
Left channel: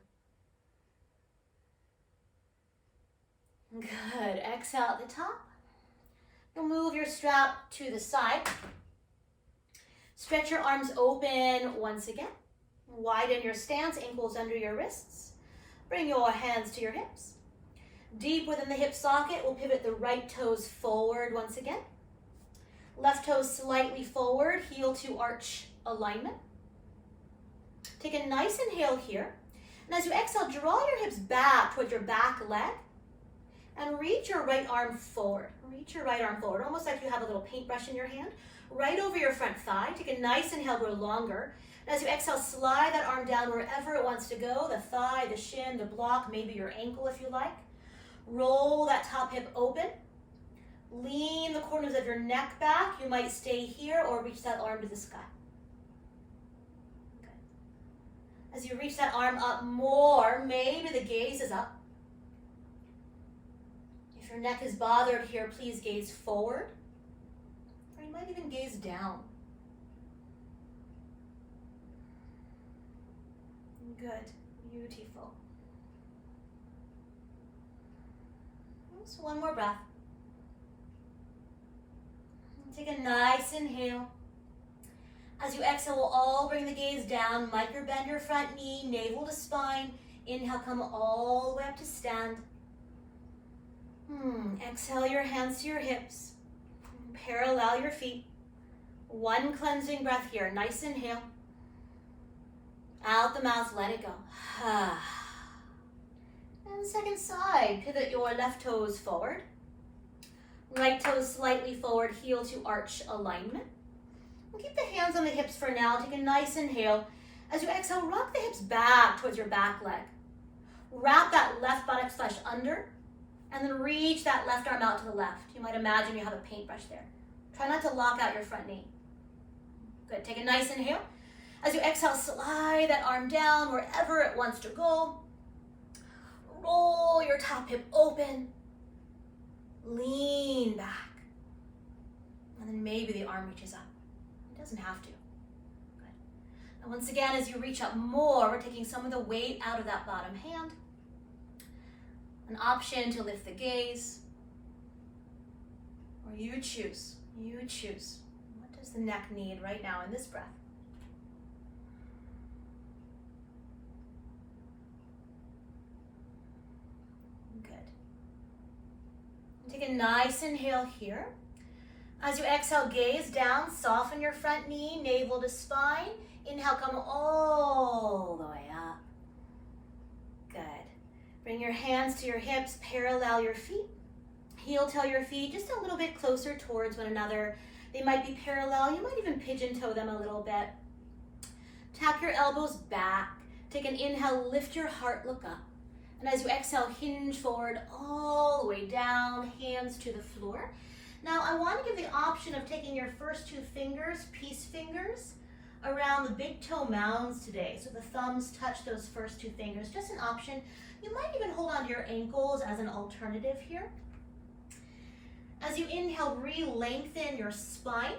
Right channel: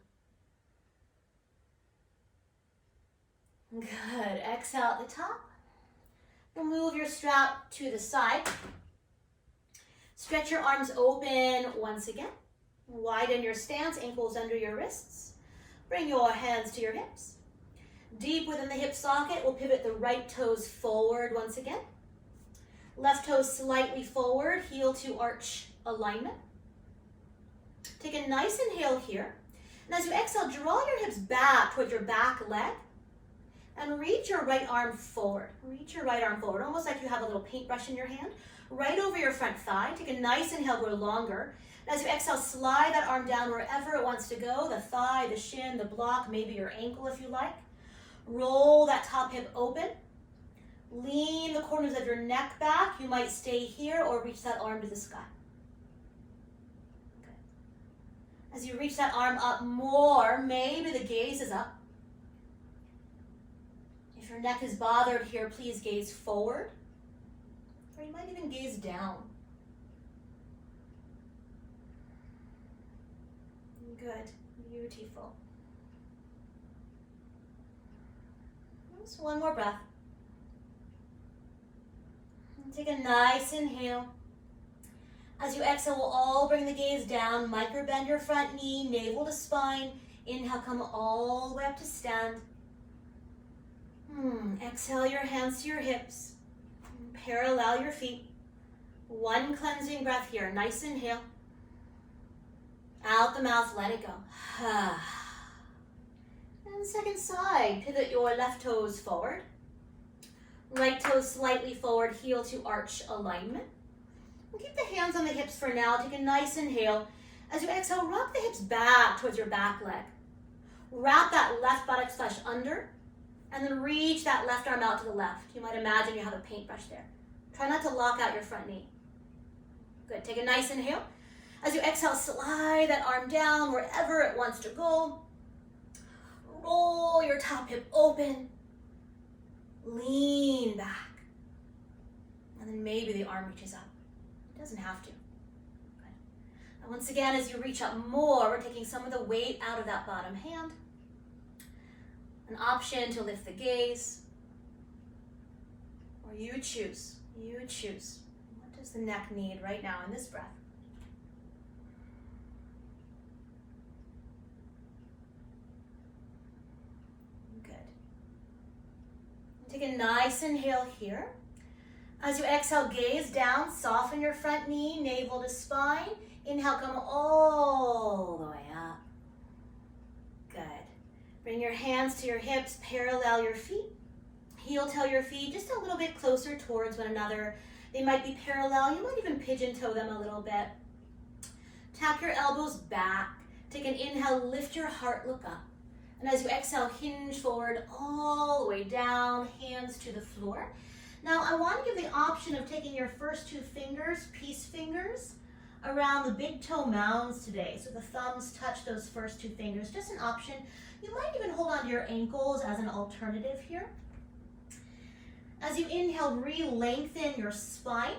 Good. Exhale at the top. You'll move your strap to the side. Stretch your arms open once again. Widen your stance, ankles under your wrists. Bring your hands to your hips. Deep within the hip socket, we'll pivot the right toes forward once again. Left toes slightly forward, heel to arch alignment. Take a nice inhale here. And as you exhale, draw your hips back toward your back leg. And reach your right arm forward. Reach your right arm forward, almost like you have a little paintbrush in your hand. Right over your front thigh. Take a nice inhale, grow longer. And as you exhale, slide that arm down wherever it wants to go. The thigh, the shin, the block, maybe your ankle if you like. Roll that top hip open. Lean the corners of your neck back. You might stay here or reach that arm to the sky. Okay. As you reach that arm up more, maybe the gaze is up. If your neck is bothered here, please gaze forward. Or you might even gaze down. Good. Beautiful. Just one more breath. Take a nice inhale. As you exhale, we'll all bring the gaze down, micro bend your front knee, navel to spine. Inhale, come all the way up to stand. Exhale your hands to your hips. Parallel your feet. One cleansing breath here. Nice inhale. Out the mouth, let it go. And second side, pivot your left toes forward. Right toes slightly forward, heel to arch alignment. We'll keep the hands on the hips for now. Take a nice inhale. As you exhale, rock the hips back towards your back leg. Wrap that left buttock flesh under, and then reach that left arm out to the left. You might imagine you have a paintbrush there. Try not to lock out your front knee. Good, take a nice inhale. As you exhale, slide that arm down wherever it wants to go. Roll your top hip open. Lean back. And then maybe the arm reaches up. It doesn't have to. Good. And once again, as you reach up more, we're taking some of the weight out of that bottom hand. An option to lift the gaze. Or you choose. You choose. What does the neck need right now in this breath? Good. Take a nice inhale here. As you exhale, gaze down, soften your front knee, navel to spine. Inhale, come all the way up. Good. Bring your hands to your hips, parallel your feet. Heel toe your feet just a little bit closer towards one another. They might be parallel. You might even pigeon toe them a little bit. Tap your elbows back. Take an inhale, lift your heart, look up. And as you exhale, hinge forward all the way down, hands to the floor. Now I want to give the option of taking your first two fingers, peace fingers, around the big toe mounds today. So the thumbs touch those first two fingers, just an option. You might even hold onto your ankles as an alternative here. As you inhale, re-lengthen your spine.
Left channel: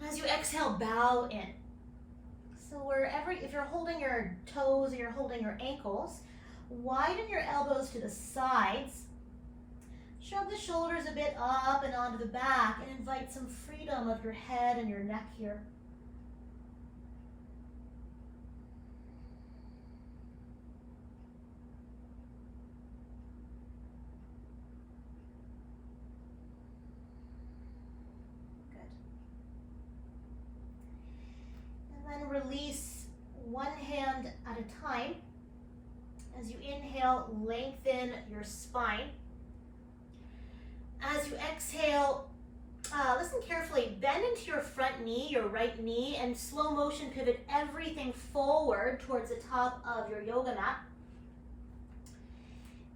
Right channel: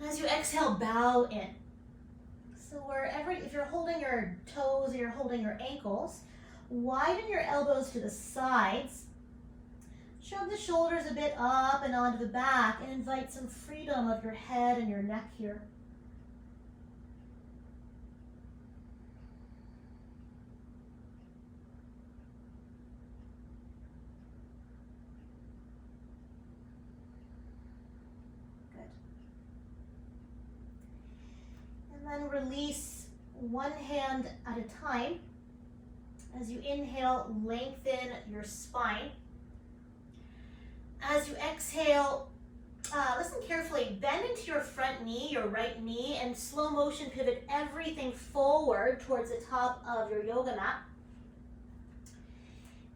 And as you exhale, bow in. So wherever, if you're holding your toes or you're holding your ankles, widen your elbows to the sides. Shrug the shoulders a bit up and onto the back and invite some freedom of your head and your neck here. And then release one hand at a time. As you inhale, lengthen your spine. As you exhale, listen carefully, bend into your front knee, your right knee, and slow motion pivot everything forward towards the top of your yoga mat.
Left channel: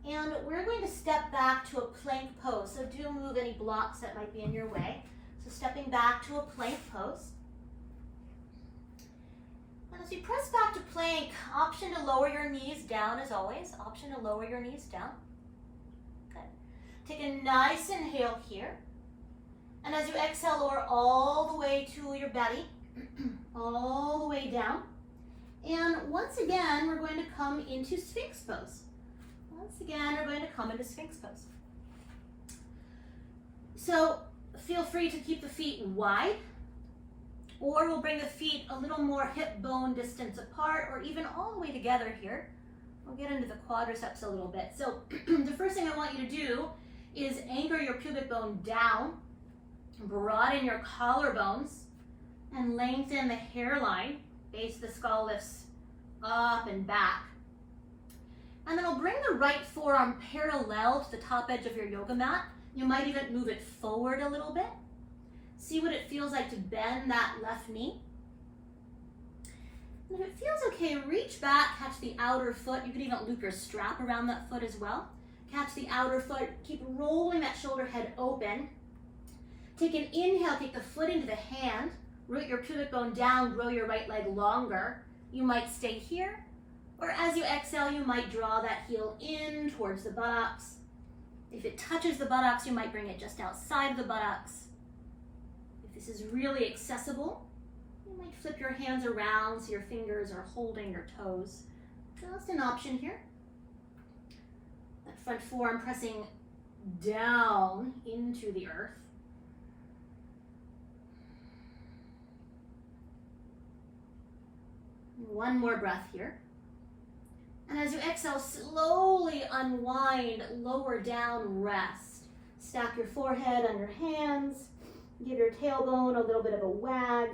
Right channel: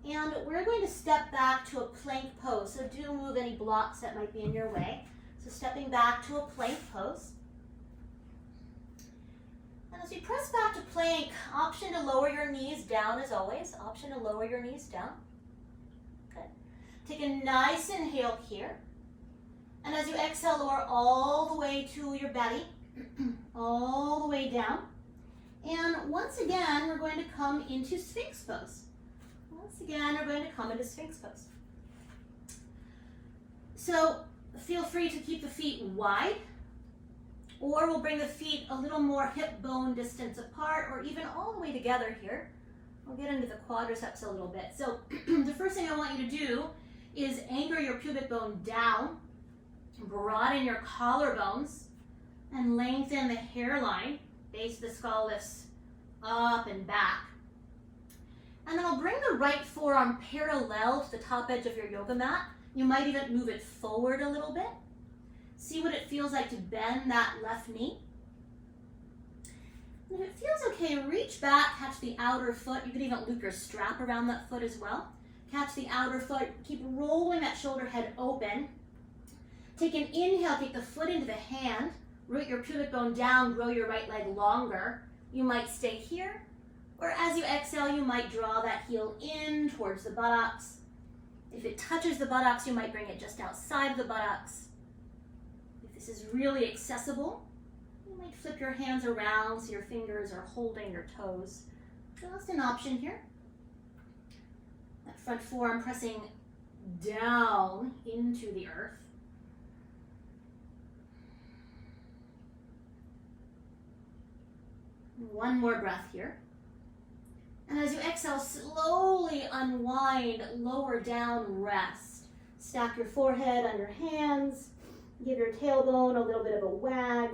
And we're going to step back to a plank pose. So do move any blocks that might be in your way. So stepping back to a plank pose. And as you press back to plank, option to lower your knees down as always. Option to lower your knees down. Good. Take a nice inhale here. And as you exhale, lower all the way to your belly, all the way down. And once again, we're going to come into Sphinx pose. Once again, we're going to come into Sphinx pose. So feel free to keep the feet wide, or we'll bring the feet a little more hip bone distance apart, or even all the way together here. We'll get into the quadriceps a little bit. So the first thing I want you to do is anchor your pubic bone down, broaden your collarbones, and lengthen the hairline. Base of the skull lifts up and back. And then I'll bring the right forearm parallel to the top edge of your yoga mat. You might even move it forward a little bit. See what it feels like to bend that left knee. And if it feels okay, reach back, catch the outer foot. You can even loop your strap around that foot as well. Catch the outer foot, keep rolling that shoulder head open. Take an inhale, take the foot into the hand, root your pubic bone down, grow your right leg longer. You might stay here, or as you exhale, you might draw that heel in towards the buttocks. If it touches the buttocks, you might bring it just outside of the buttocks. If this is really accessible, you might flip your hands around so your fingers are holding your toes. Just an option here. That front forearm pressing down into the earth. One more breath here. And as you exhale, slowly unwind, lower down, rest. Stack your forehead on your hands. Give your tailbone a little bit of a wag.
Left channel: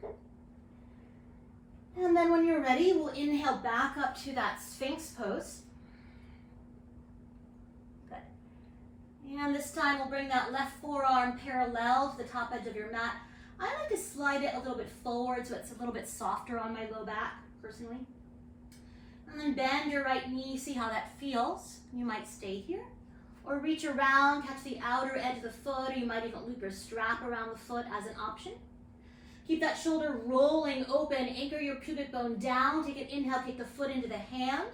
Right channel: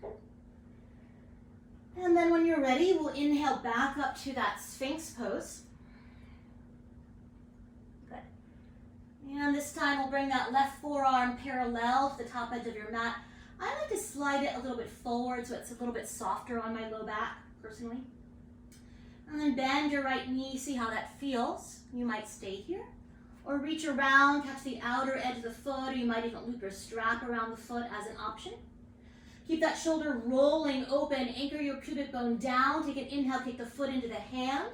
Good. And then when you're ready, we'll inhale back up to that Sphinx pose. Good. And this time we'll bring that left forearm parallel to the top edge of your mat. I like to slide it a little bit forward so it's a little bit softer on my low back, personally. And then bend your right knee, see how that feels. You might stay here. Or reach around, catch the outer edge of the foot, or you might even loop your strap around the foot as an option. Keep that shoulder rolling open, anchor your pubic bone down, take an inhale, take the foot into the hand.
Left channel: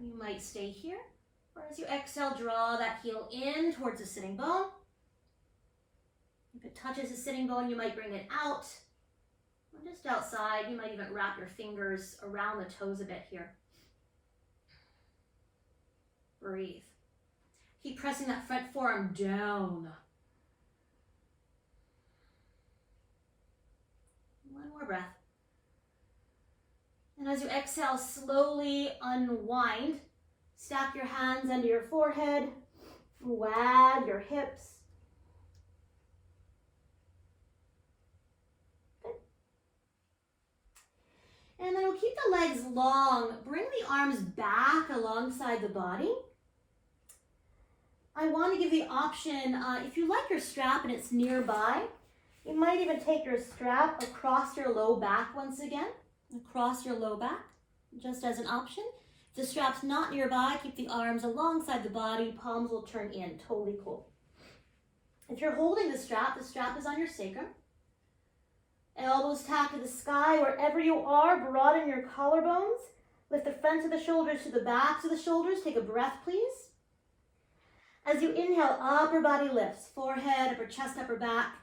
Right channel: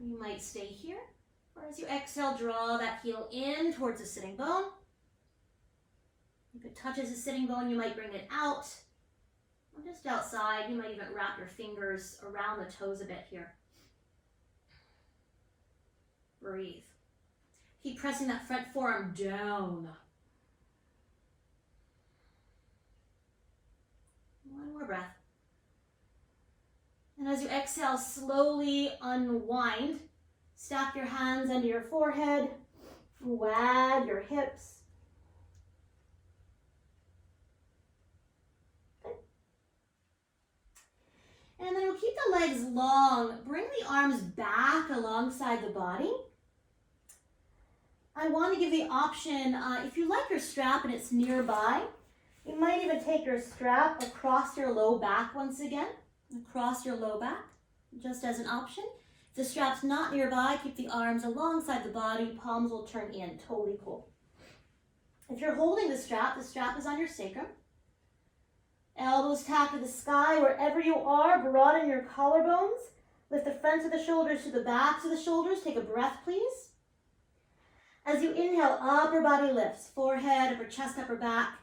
You might stay here. Or as you exhale, draw that heel in towards the sitting bone. If it touches the sitting bone, you might bring it out. Or just outside, you might even wrap your fingers around the toes a bit here. Breathe. Keep pressing that front forearm down. One more breath. And as you exhale, slowly unwind. Stack your hands under your forehead. Wag your hips. And then we'll keep the legs long. Bring the arms back alongside the body. I want to give the option, if you like your strap and it's nearby, you might even take your strap across your low back once again. Across your low back, just as an option. If the strap's not nearby, keep the arms alongside the body. Palms will turn in. Totally cool. If you're holding the strap is on your sacrum. Elbows tap to the sky. Wherever you are, broaden your collarbones. Lift the fronts of the shoulders to the backs of the shoulders. Take a breath, please. As you inhale, upper body lifts. Forehead, upper chest, upper back.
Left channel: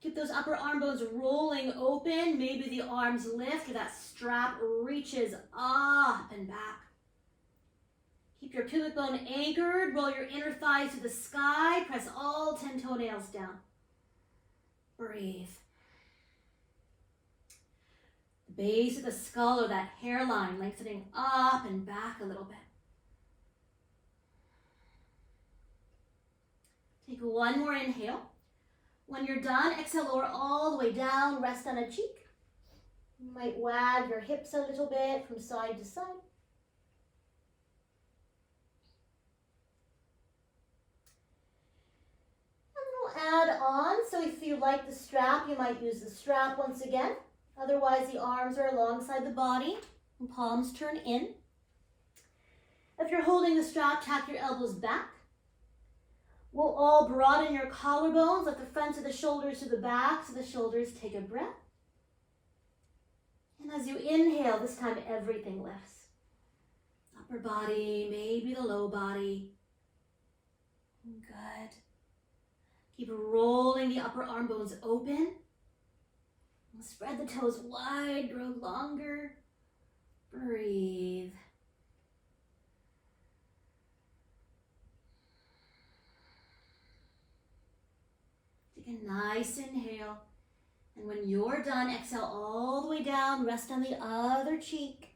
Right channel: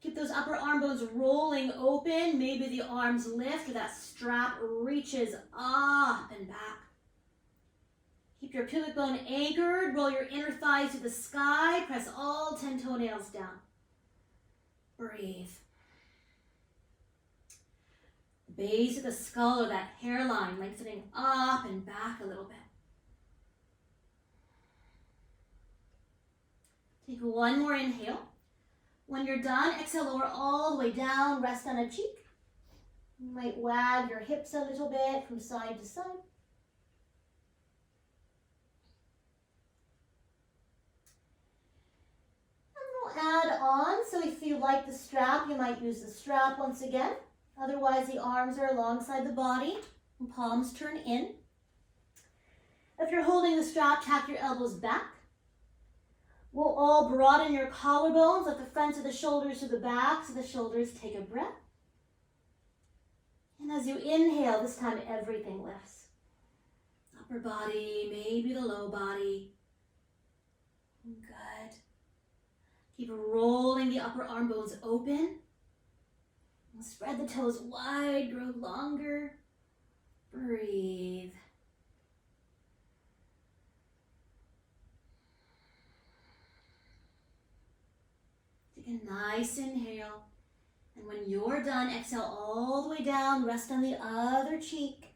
Keep those upper arm bones rolling open. Maybe the arms lift or that strap reaches up and back. Keep your pubic bone anchored. Roll your inner thighs to the sky. Press all 10 toenails down. Breathe. The base of the skull or that hairline lengthening up and back a little bit. Take one more inhale. When you're done, exhale, lower all the way down, rest on a cheek. You might wag your hips a little bit from side to side. And we'll add on, so if you like the strap, you might use the strap once again. Otherwise, the arms are alongside the body and palms turn in. If you're holding the strap, tap your elbows back. We'll all broaden your collarbones, let the fronts of the shoulders to the backs of the shoulders. Take a breath. And as you inhale, this time everything lifts. Upper body, maybe the low body. Good. Keep rolling the upper arm bones open. And spread the toes wide, grow longer. Breathe. Take a nice inhale. And when you're done, exhale all the way down. Rest on the other cheek.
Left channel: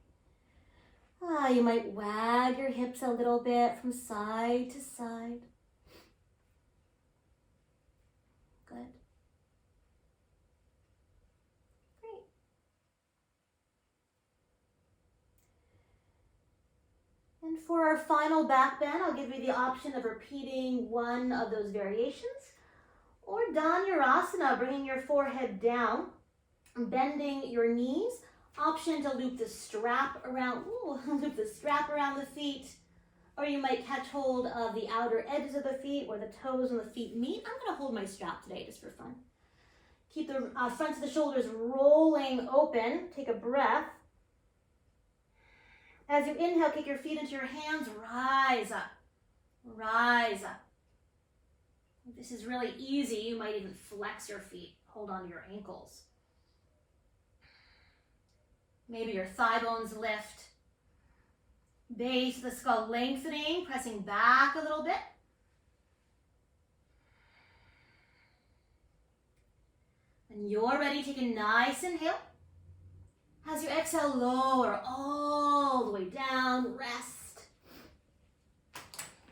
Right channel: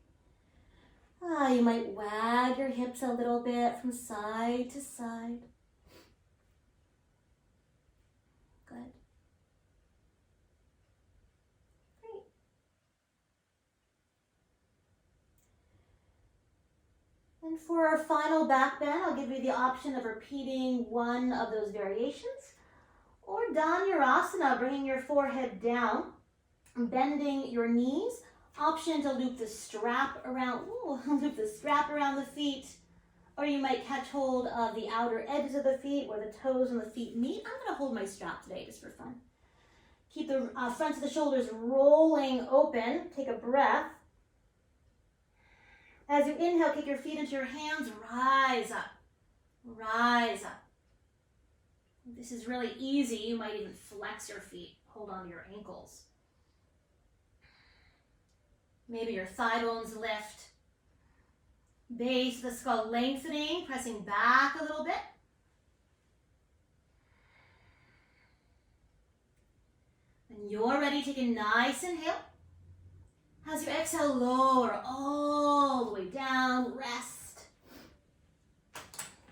You might wag your hips a little bit from side to side. Good. Great. And for our final back bend, I'll give you the option of repeating one of those variations. Or Dhanurasana, bringing your forehead down, bending your knees. Option to loop the strap around, loop the strap around the feet. Or you might catch hold of the outer edges of the feet where the toes and the feet meet. I'm going to hold my strap today just for fun. Keep the fronts of the shoulders rolling open. Take a breath. As you inhale, kick your feet into your hands. Rise up. Rise up. If this is really easy, you might even flex your feet. Hold on to your ankles. Maybe your thigh bones lift. Base of the skull lengthening, pressing back a little bit. When you're ready, take a nice inhale. As you exhale, lower all the way down, rest.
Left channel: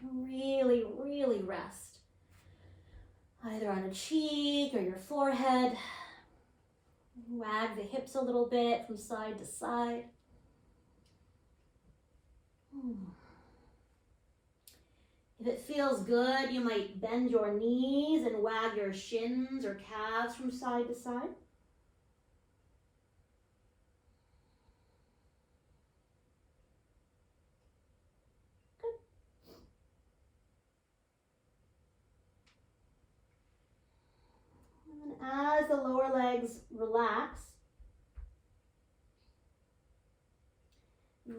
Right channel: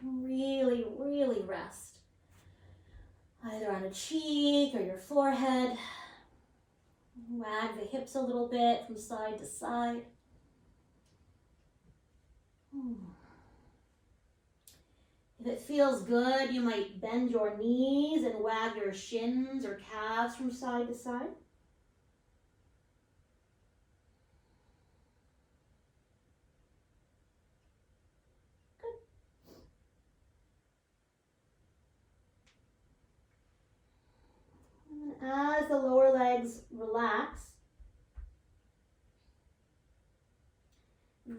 Really, really rest. Either on a cheek or your forehead. Wag the hips a little bit from side to side. If it feels good, you might bend your knees and wag your shins or calves from side to side. Good. And as the lower legs relax,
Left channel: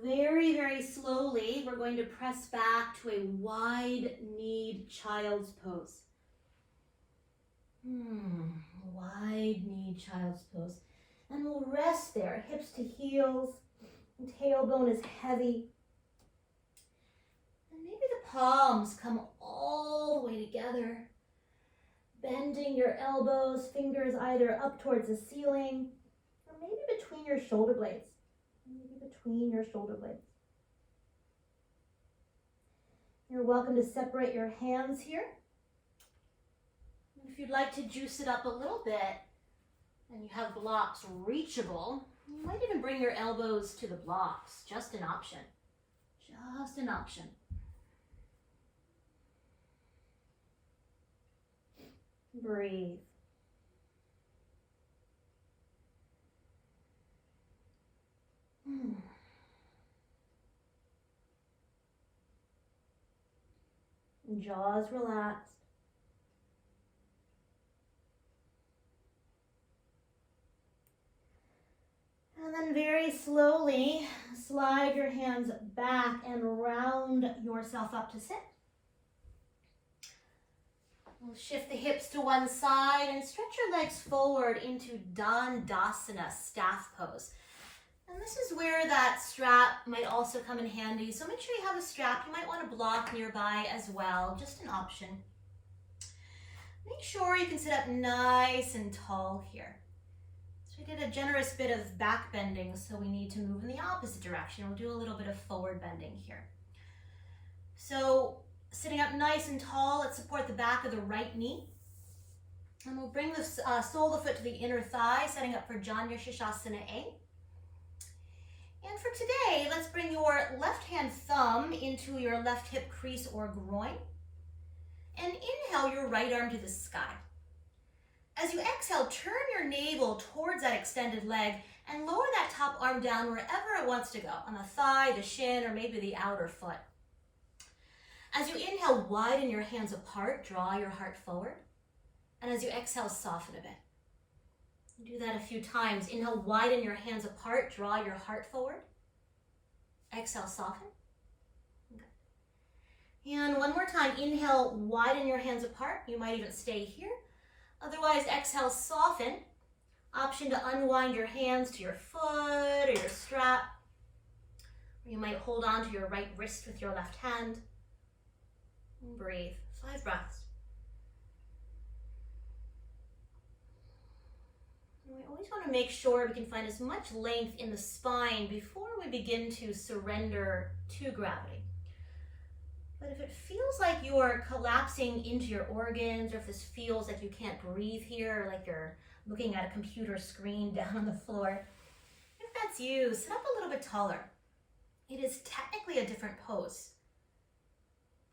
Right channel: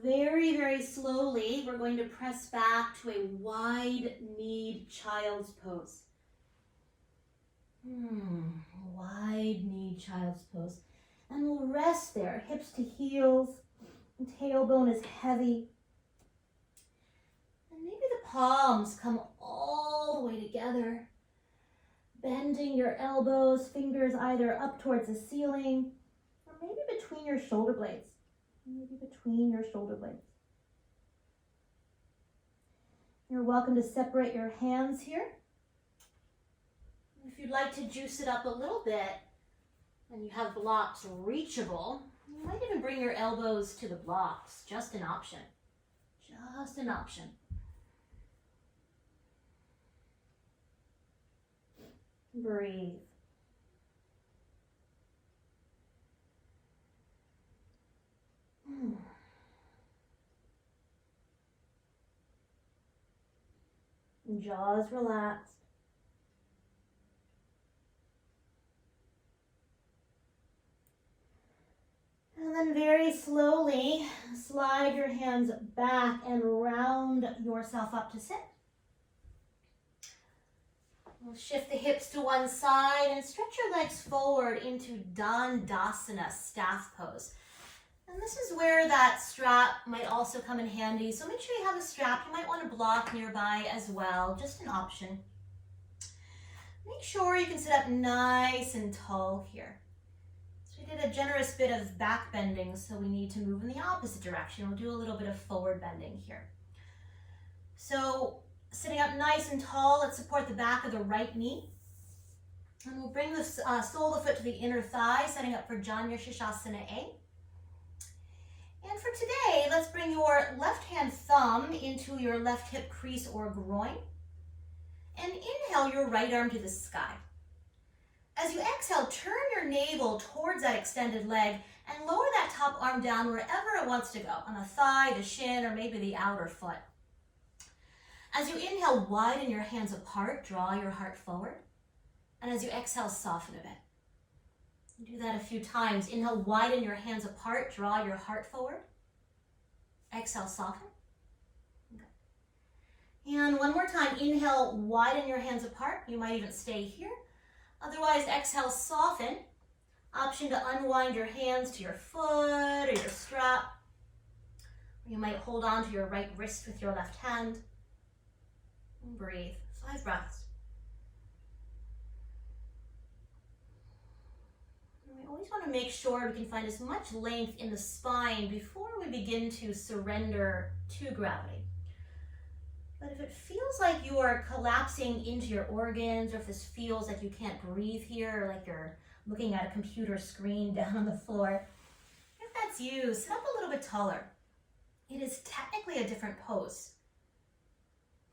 very, very slowly, we're going to press back to a wide-kneed child's pose. Wide-kneed child's pose. And we'll rest there, hips to heels, and tailbone is heavy. And maybe the palms come all the way together, bending your elbows, fingers either up towards the ceiling, or maybe between your shoulder blades. Maybe between your shoulder blades. You're welcome to separate your hands here. If you'd like to juice it up a little bit and you have blocks reachable, you might even bring your elbows to the blocks. Just an option. Just an option. Breathe. Jaws relaxed. And then very slowly slide your hands back and round yourself up to sit. We'll shift the hips to one side and stretch your legs forward into Dandasana, staff pose. And this is where that strap might also come in handy. So make sure you have a strap. You might want a block nearby as well, just an option. Make sure you can sit up nice and tall here. So we did a generous bit of back bending, so we need to move in the opposite direction. We'll do a little bit of forward bending here. So sitting up nice and tall, let's support the back of the right knee. And we'll bring the sole of the foot to the inner thigh, setting up for Janya Shishasana A. And for today, let's bring your left hand thumb into your left hip crease or groin. And inhale your right arm to the sky. As you exhale, turn your navel towards that extended leg and lower that top arm down wherever it wants to go, on the thigh, the shin, or maybe the outer foot. As you inhale, widen your hands apart, draw your heart forward. And as you exhale, soften a bit. Do that a few times. Inhale, widen your hands apart, draw your heart forward. Exhale, soften. Good. And one more time, inhale, widen your hands apart. You might even stay here. Otherwise, exhale, soften. Option to unwind your hands to your foot or your strap. Or you might hold on to your right wrist with your left hand. And breathe. 5 breaths. We always want to make sure we can find as much length in the spine before we begin to surrender to gravity. But if it feels like you are collapsing into your organs, or if this feels like you can't breathe here, like you're looking at a computer screen down on the floor, if that's you, sit up a little bit taller. It is technically a different pose,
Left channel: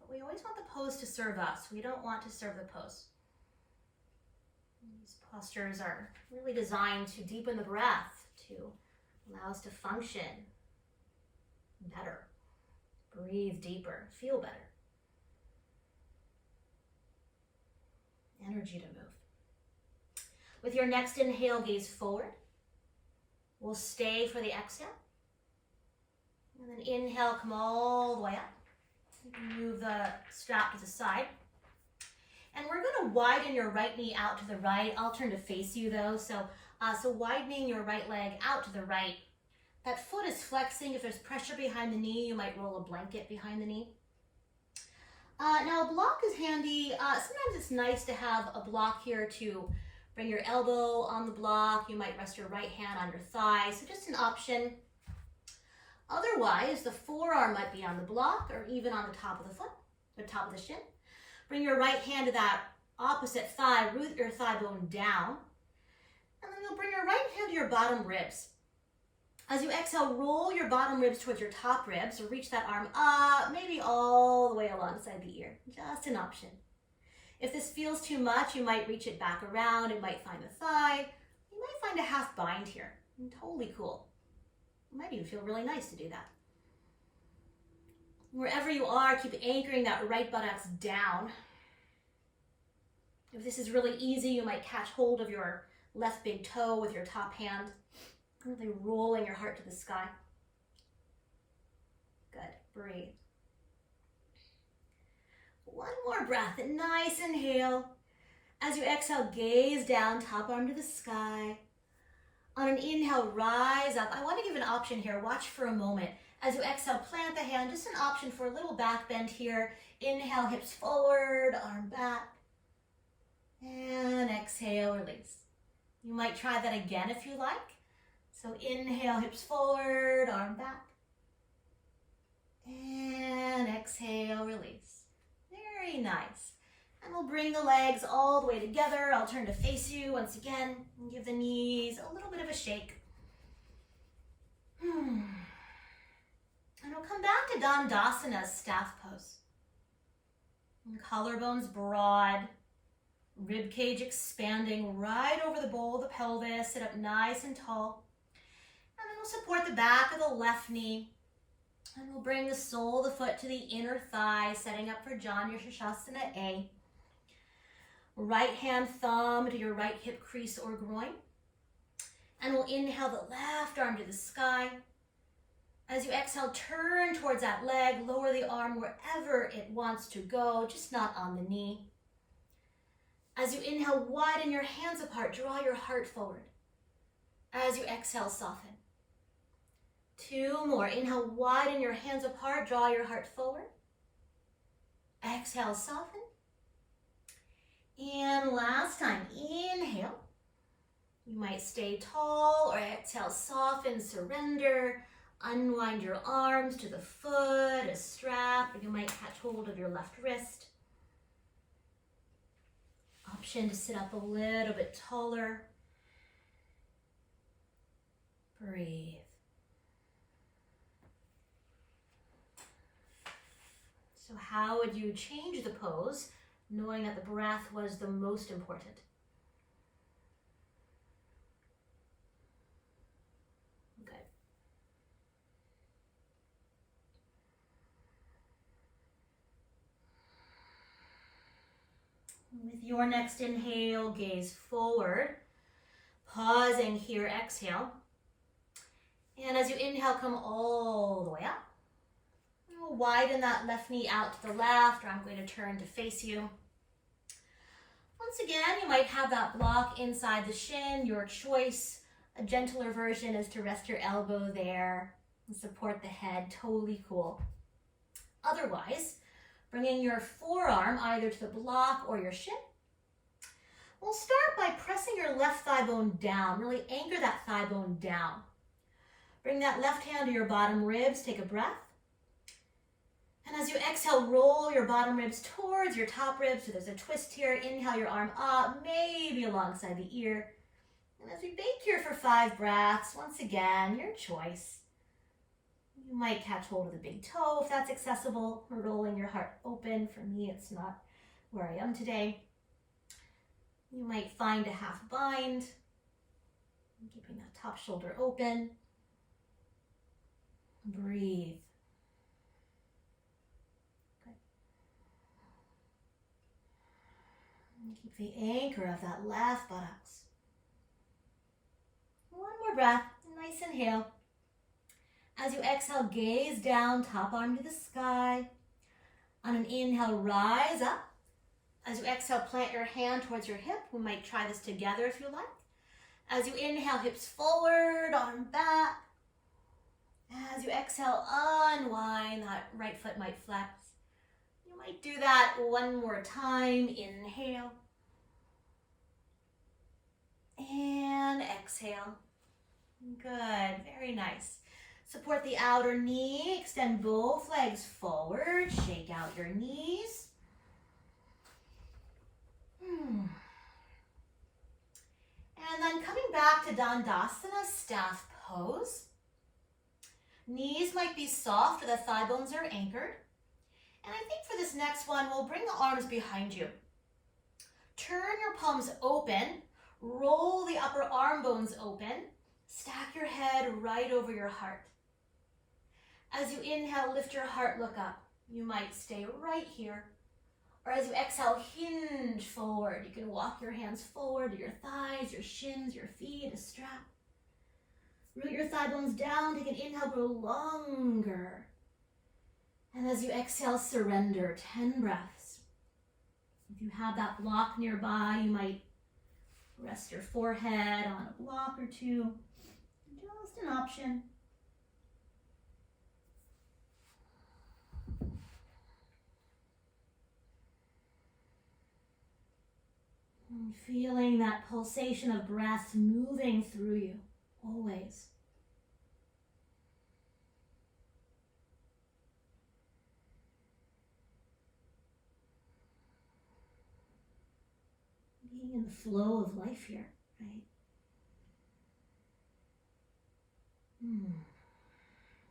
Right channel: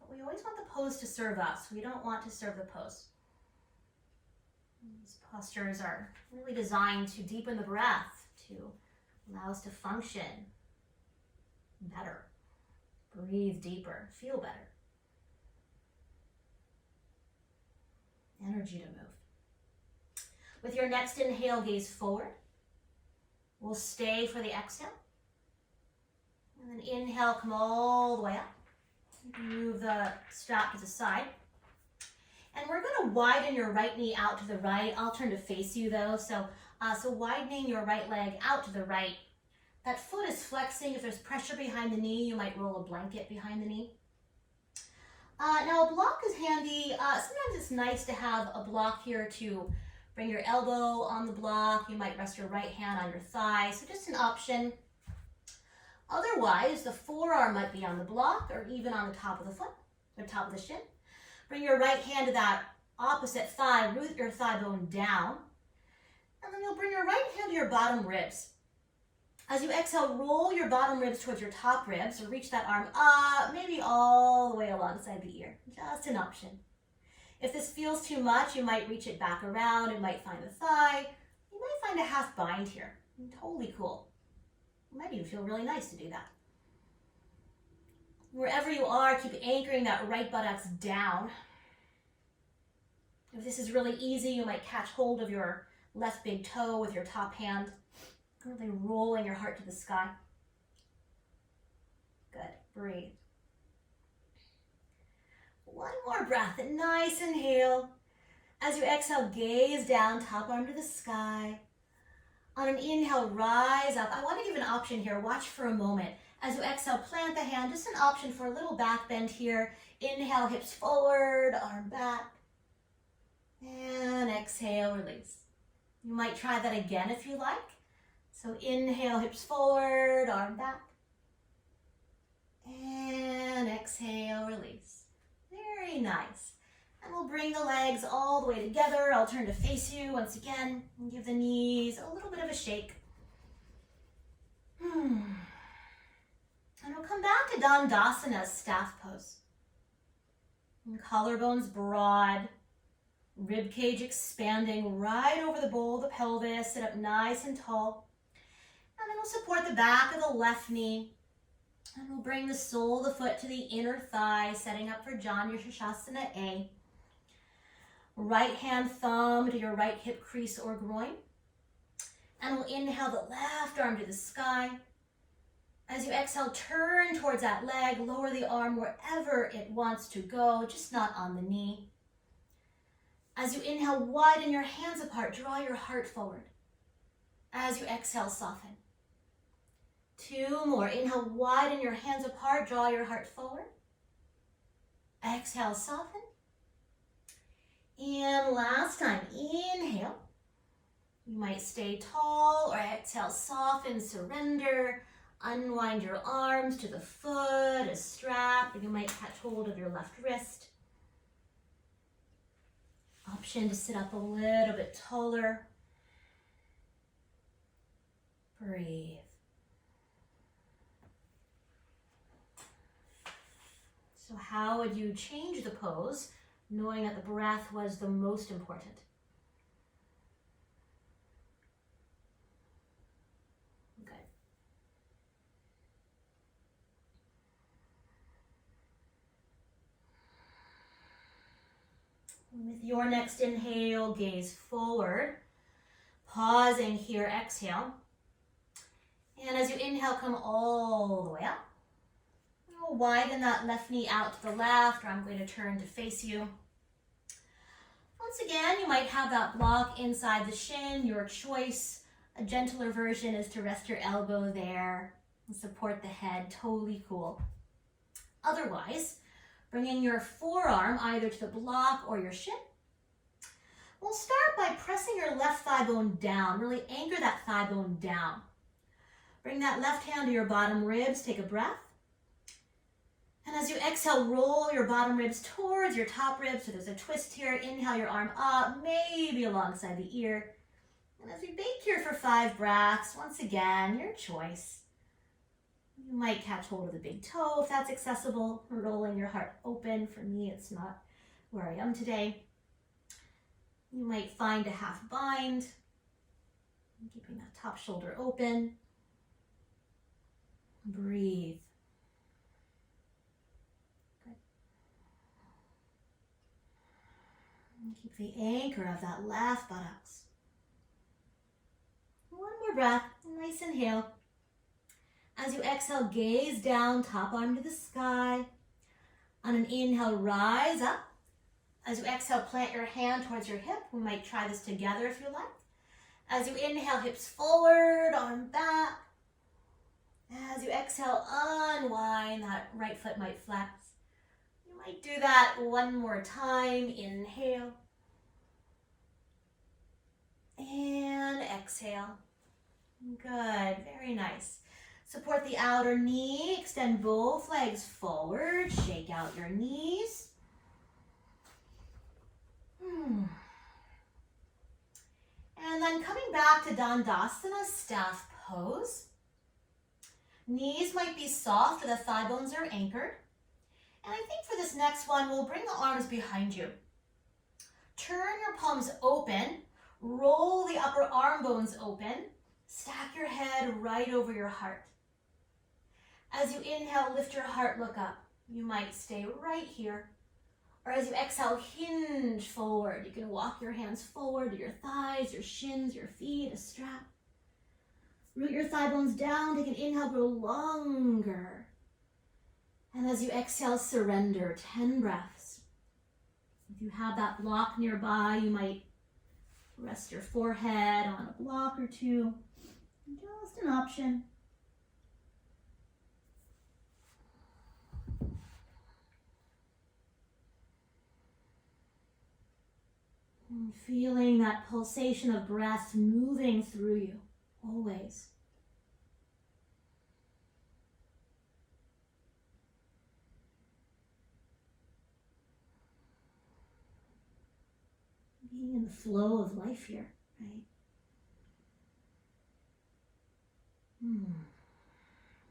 but we always want the pose to serve us. We don't want to serve the pose. These postures are really designed to deepen the breath, to allow us to function better, breathe deeper, feel better. Energy to move. With your next inhale, gaze forward. We'll stay for the exhale. And then inhale, come all the way up. You can move the strap to the side. And we're going to widen your right knee out to the right. I'll turn to face you though. So widening your right leg out to the right. That foot is flexing. If there's pressure behind the knee, you might roll a blanket behind the knee. Now a block is handy. Sometimes it's nice to have a block here to Bring your elbow on the block. You might rest your right hand on your thigh. So just an option. Otherwise, the forearm might be on the block or even on the top of the foot, the top of the shin. Bring your right hand to that opposite thigh, root your thigh bone down. And then you'll bring your right hand to your bottom ribs. As you exhale, roll your bottom ribs towards your top ribs or reach that arm up, maybe all the way alongside the ear. Just an option. If this feels too much, you might reach it back around. It might find the thigh. You might find a half bind here. Totally cool. It might even feel really nice to do that. Wherever you are, keep anchoring that right buttocks down. If this is really easy, you might catch hold of your left big toe with your top hand, really rolling your heart to the sky. Good, breathe. One more breath, a nice inhale. As you exhale, gaze down, top arm to the sky. On an inhale, rise up. I want to give an option here. Watch for a moment. As you exhale, plant the hand. Just an option for a little back bend here. Inhale, hips forward, arm back. And exhale, release. You might try that again if you like. So inhale, hips forward, arm back. And exhale, release. Very nice. And we'll bring the legs all the way together. I'll turn to face you once again and give the knees a little bit of a shake. And we'll come back to Dandasana's staff pose. And collarbones broad, rib cage expanding right over the bowl of the pelvis. Sit up nice and tall. And then we'll support the back of the left knee. And we'll bring the sole of the foot to the inner thigh, setting up for Janu Shasana A. Right hand thumb to your right hip crease or groin. And we'll inhale the left arm to the sky. As you exhale, turn towards that leg, lower the arm wherever it wants to go, just not on the knee. As you inhale, widen your hands apart, draw your heart forward. As you exhale, soften. Two more. Inhale, widen your hands apart, draw your heart forward. Exhale, soften. And last time, inhale. You might stay tall or exhale, soften, surrender. Unwind your arms to the foot, a strap, or you might catch hold of your left wrist. Option to sit up a little bit taller. Breathe. So how would you change the pose, knowing that the breath was the most important? Good. With your next inhale, gaze forward. Pausing here, exhale. And as you inhale, come all the way up. Widen that left knee out to the left, or I'm going to turn to face you. Once again, you might have that block inside the shin, your choice. A gentler version is to rest your elbow there and support the head, totally cool. Otherwise, bringing your forearm either to the block or your shin. We'll start by pressing your left thigh bone down, really anchor that thigh bone down. Bring that left hand to your bottom ribs, take a breath. And as you exhale, roll your bottom ribs towards your top ribs. So there's a twist here. Inhale your arm up, maybe alongside the ear. And as we bake here for 5 breaths, once again, your choice. You might catch hold of the big toe if that's accessible. Rolling your heart open. For me, it's not where I am today. You might find a half bind. Keeping that top shoulder open. Breathe. Keep the anchor of that left buttocks. One more breath, nice inhale. As you exhale, gaze down, top arm to the sky. On an inhale, rise up. As you exhale, plant your hand towards your hip. We might try this together if you like. As you inhale, hips forward, arm back. As you exhale, unwind, that right foot might flex. You might do that one more time. Inhale. And exhale. Good, very nice. Support the outer knee, extend both legs forward, shake out your knees. And then coming back to Dandasana, staff pose. Knees might be soft or the thigh bones are anchored. And I think for this next one, we'll bring the arms behind you. Turn your palms open, roll the upper arm bones open, stack your head right over your heart. As you inhale, lift your heart, look up. You might stay right here. Or as you exhale, hinge forward. You can walk your hands forward to your thighs, your shins, your feet, a strap. Root your thigh bones down, take an inhale, grow longer. And as you exhale, surrender, 10 breaths. If you have that block nearby, you might rest your forehead on a block or two. Just an option. And feeling that pulsation of breath moving through you, always. Being in the flow of life here, right?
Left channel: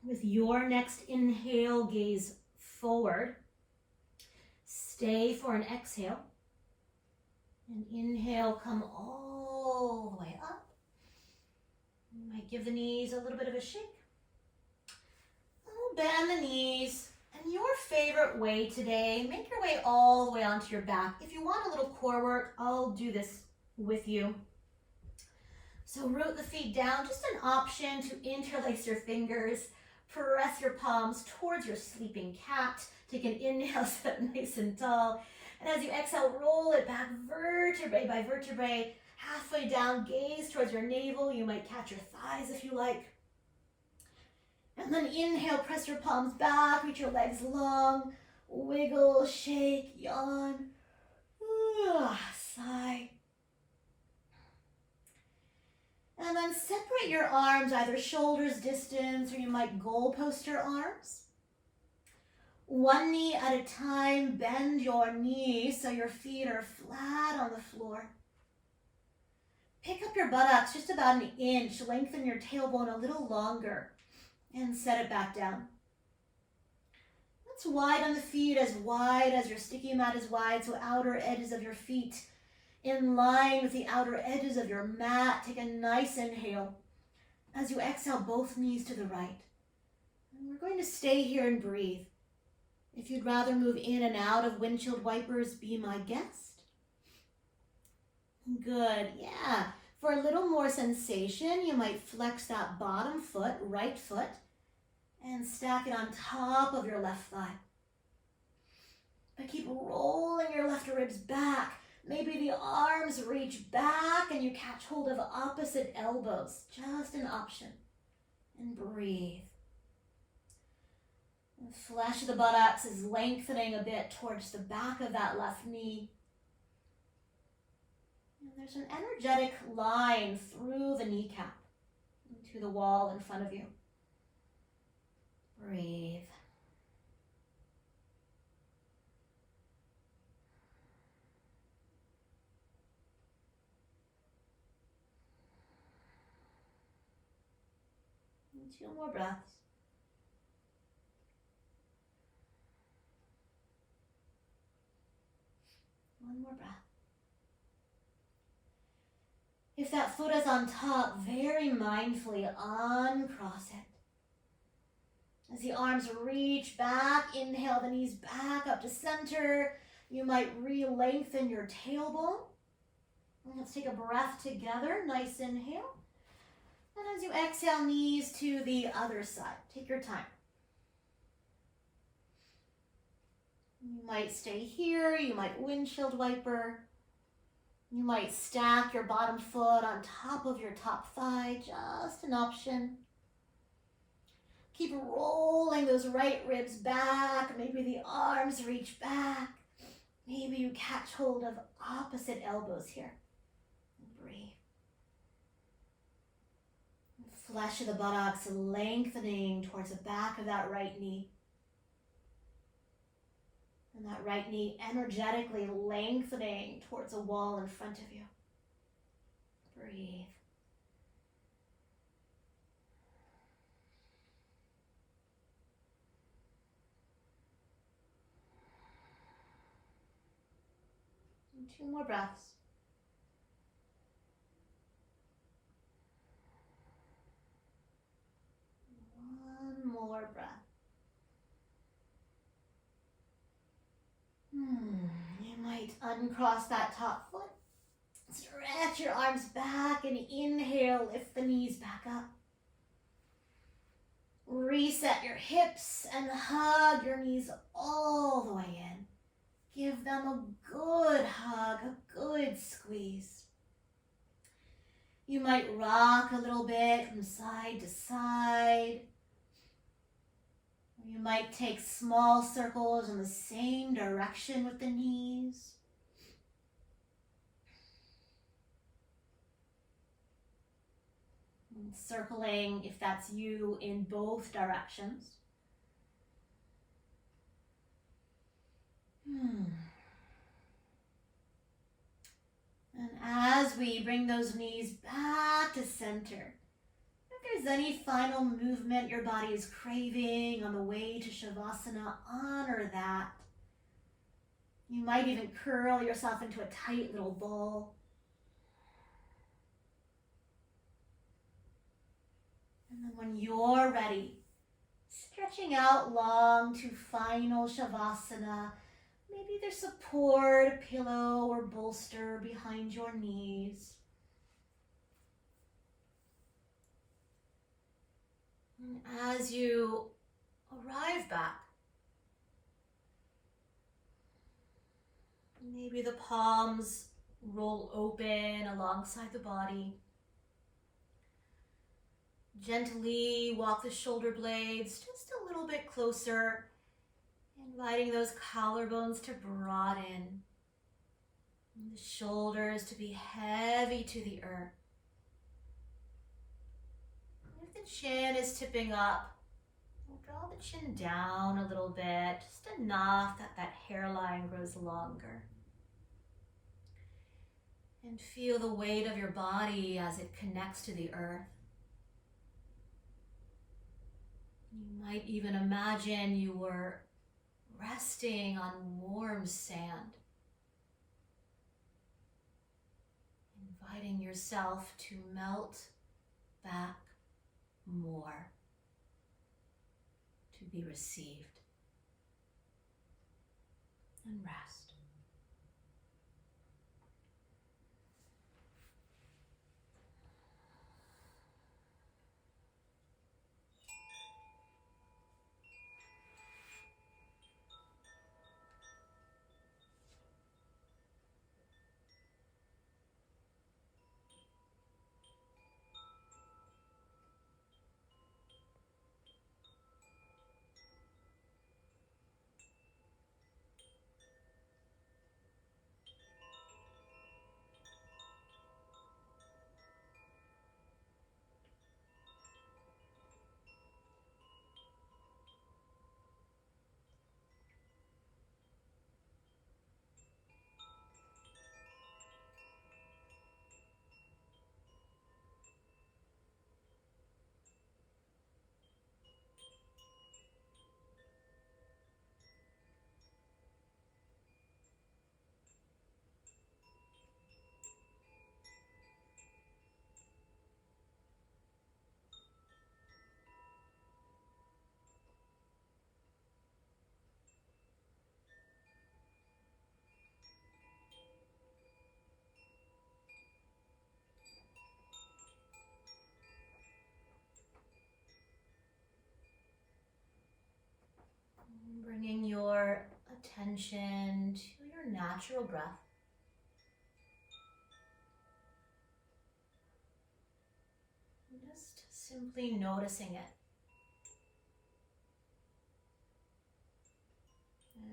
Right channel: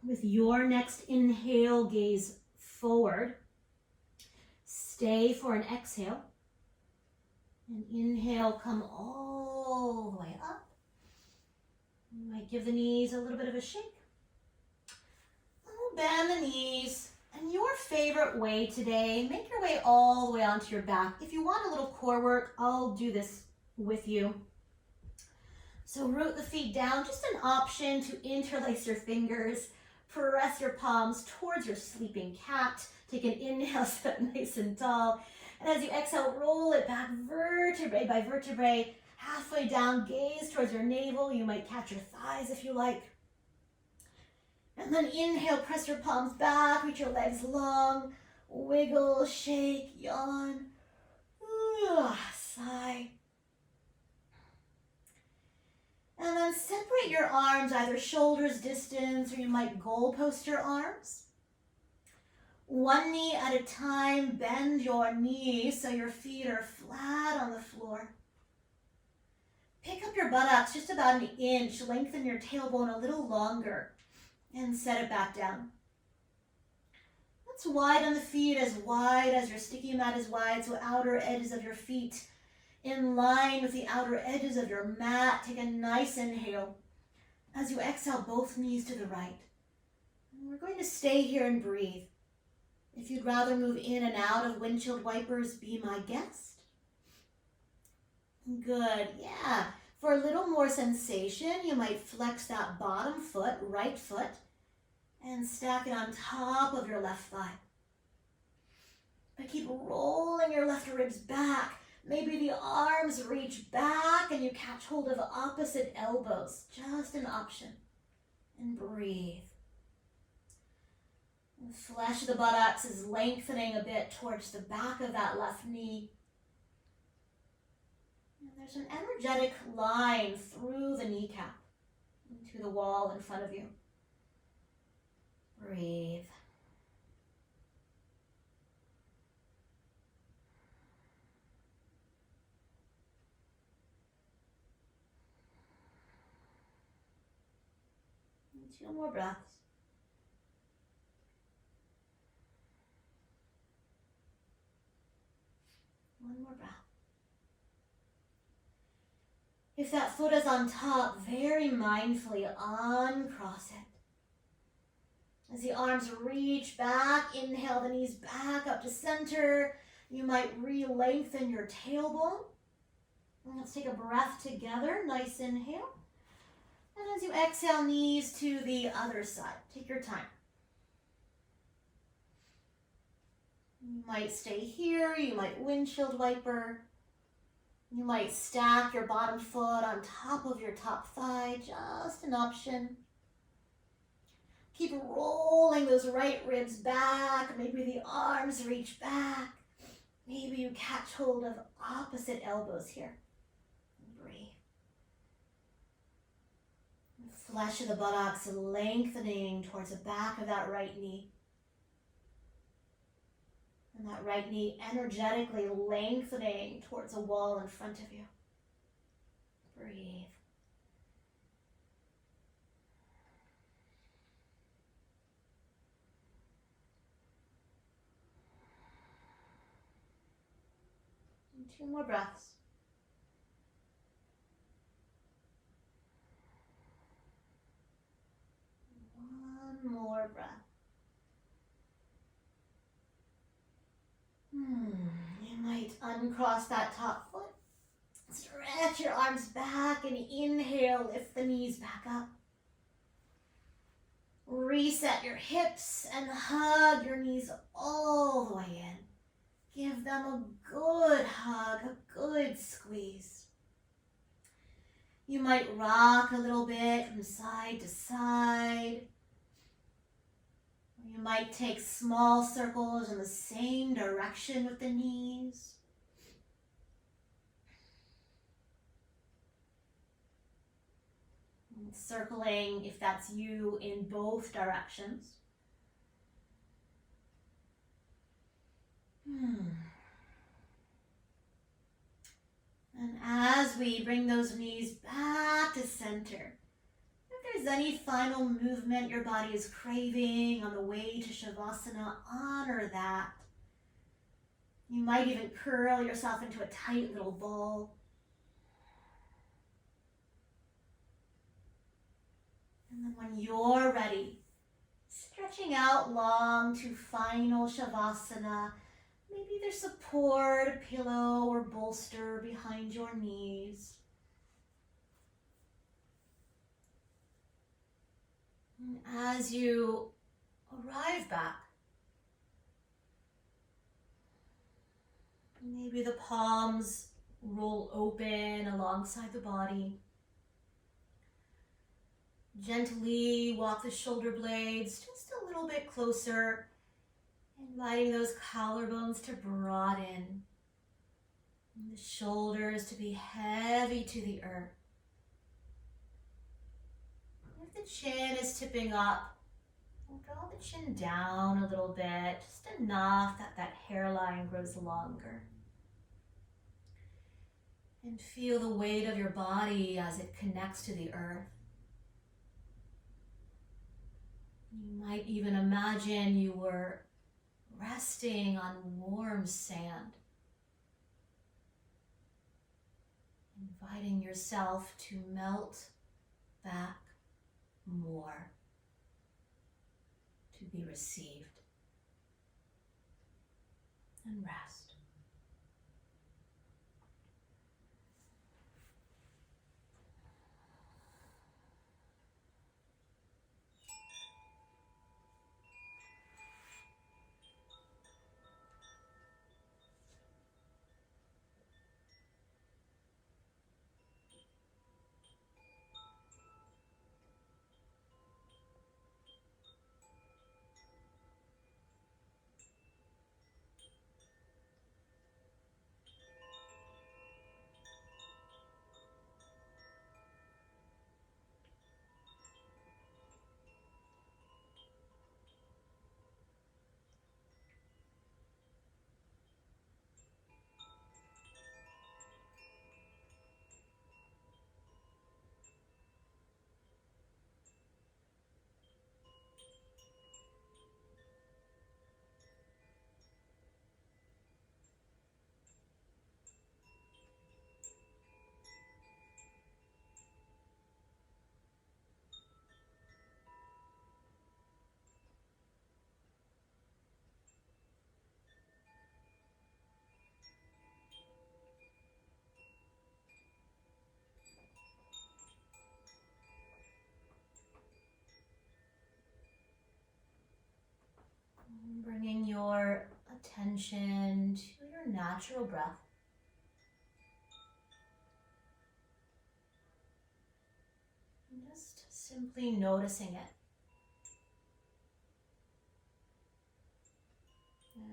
With your next inhale, gaze forward. Stay for an exhale. And inhale, come all the way up. You might give the knees a little bit of a shake. We'll bend the knees. And your favorite way today, make your way all the way onto your back. If you want a little core work, I'll do this with you. So root the feet down, just an option to interlace your fingers. Press your palms towards your sleeping cat. Take an inhale, sit nice and tall. And as you exhale, roll it back vertebrae by vertebrae. Halfway down, gaze towards your navel. You might catch your thighs if you like. And then inhale, press your palms back, reach your legs long. Wiggle, shake, yawn. Sigh. And then separate your arms, either shoulders distance, or you might goalpost your arms. One knee at a time, bend your knees so your feet are flat on the floor. Pick up your buttocks just about an inch, lengthen your tailbone a little longer, and set it back down. Let's widen the feet as wide as your sticky mat is wide, so outer edges of your feet in line with the outer edges of your mat. Take a nice inhale. As you exhale, both knees to the right. And we're going to stay here and breathe. If you'd rather move in and out of windshield wipers, be my guest. Good, yeah. For a little more sensation, you might flex that bottom foot, right foot, and stack it on top of your left thigh. But keep rolling your left ribs back. Maybe the arms reach back and you catch hold of opposite elbows. Just an option. And breathe. The flesh of the buttocks is lengthening a bit towards the back of that left knee. And there's an energetic line through the kneecap into the wall in front of you. Breathe. And 2 more breaths. One more breath. If that foot is on top, very mindfully uncross it. As the arms reach back, inhale the knees back up to center. You might re-lengthen your tailbone. And let's take a breath together. Nice inhale. And as you exhale, knees to the other side. Take your time. You might stay here. You might windshield wiper. You might stack your bottom foot on top of your top thigh. Just an option. Keep rolling those right ribs back. Maybe the arms reach back. Maybe you catch hold of opposite elbows here. And breathe. Flesh of the buttocks lengthening towards the back of that right knee. And that right knee energetically lengthening towards the wall in front of you. Breathe. And 2 more breaths. One more breath. You might uncross that top foot. Stretch your arms back and inhale, lift the knees back up. Reset your hips and hug your knees all the way in. Give them a good hug, a good squeeze. You might rock a little bit from side to side. You might take small circles in the same direction with the knees. And circling, if that's you, in both directions. And as we bring those knees back to center, if there's any final movement your body is craving on the way to Shavasana, honor that. You might even curl yourself into a tight little ball. And then when you're ready, stretching out long to final Shavasana. Maybe there's support, a pillow or bolster behind your knees. And as you arrive back, maybe the palms roll open alongside the body. Gently walk the shoulder blades just a little bit closer, inviting those collarbones to broaden, and the shoulders to be heavy to the earth. If the chin is tipping up, we'll draw the chin down a little bit, just enough that that hairline grows longer. And feel the weight of your body as it connects to the earth. You might even imagine you were resting on warm sand, inviting yourself to melt back more, to be received and rest. Bringing your attention to your natural breath. And just simply noticing it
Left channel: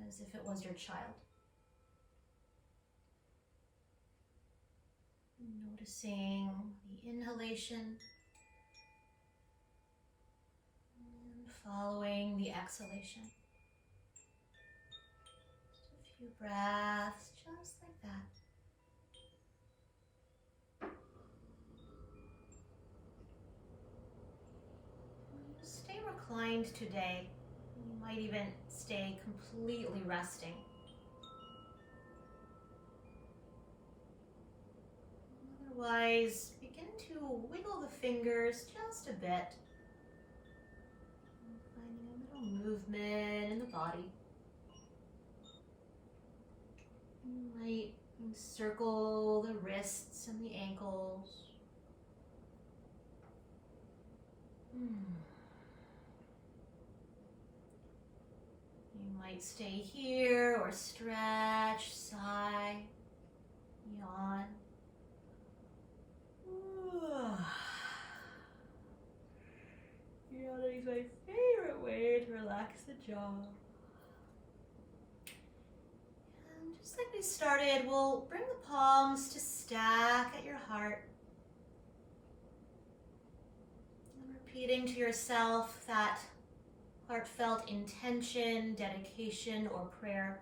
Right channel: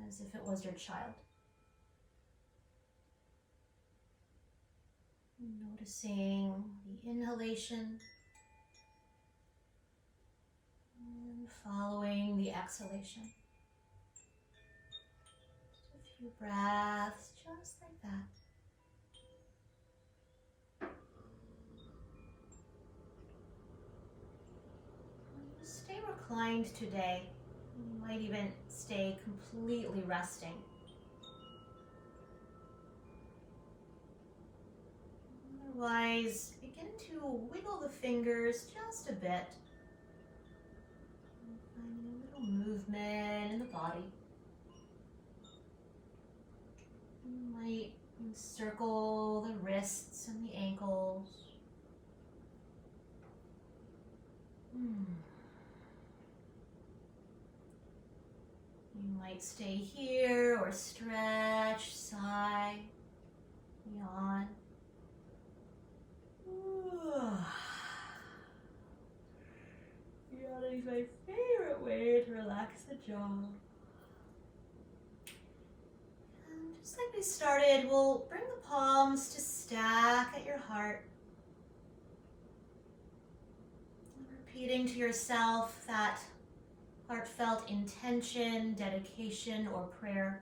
as if it was your child. Noticing the inhalation following the exhalation. Just a few breaths, just like that. Stay reclined today. You might even stay completely resting. Otherwise, begin to wiggle the fingers just a bit. Finding a little movement in the body. You might circle the wrists and the ankles. You might stay here or stretch, sigh, yawn. Yawning is my favorite way to relax the jaw. And just like we started, we'll bring the palms to stack at your heart. And repeating to yourself that heartfelt intention, dedication, or prayer.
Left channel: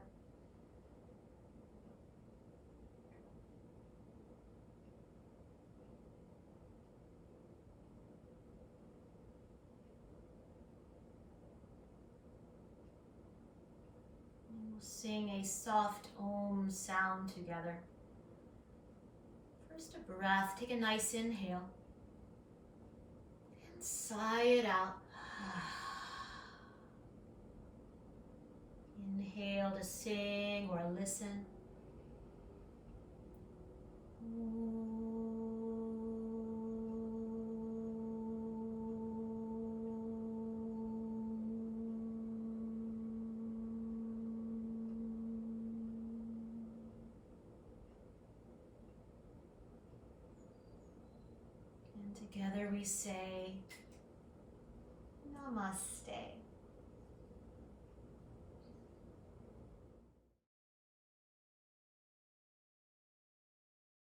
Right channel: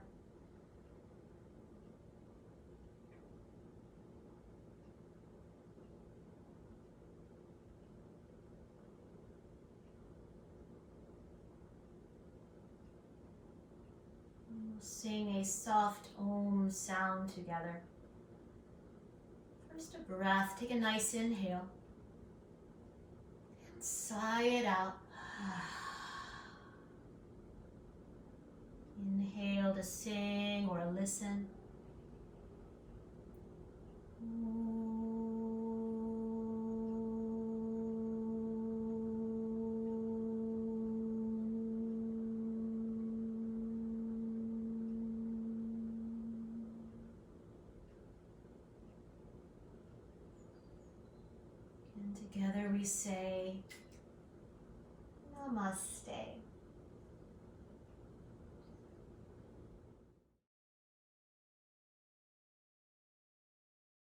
And we'll sing a soft Om sound together. First a breath, take a nice inhale. And sigh it out. Inhale to sing or listen. And together we say, Namaste.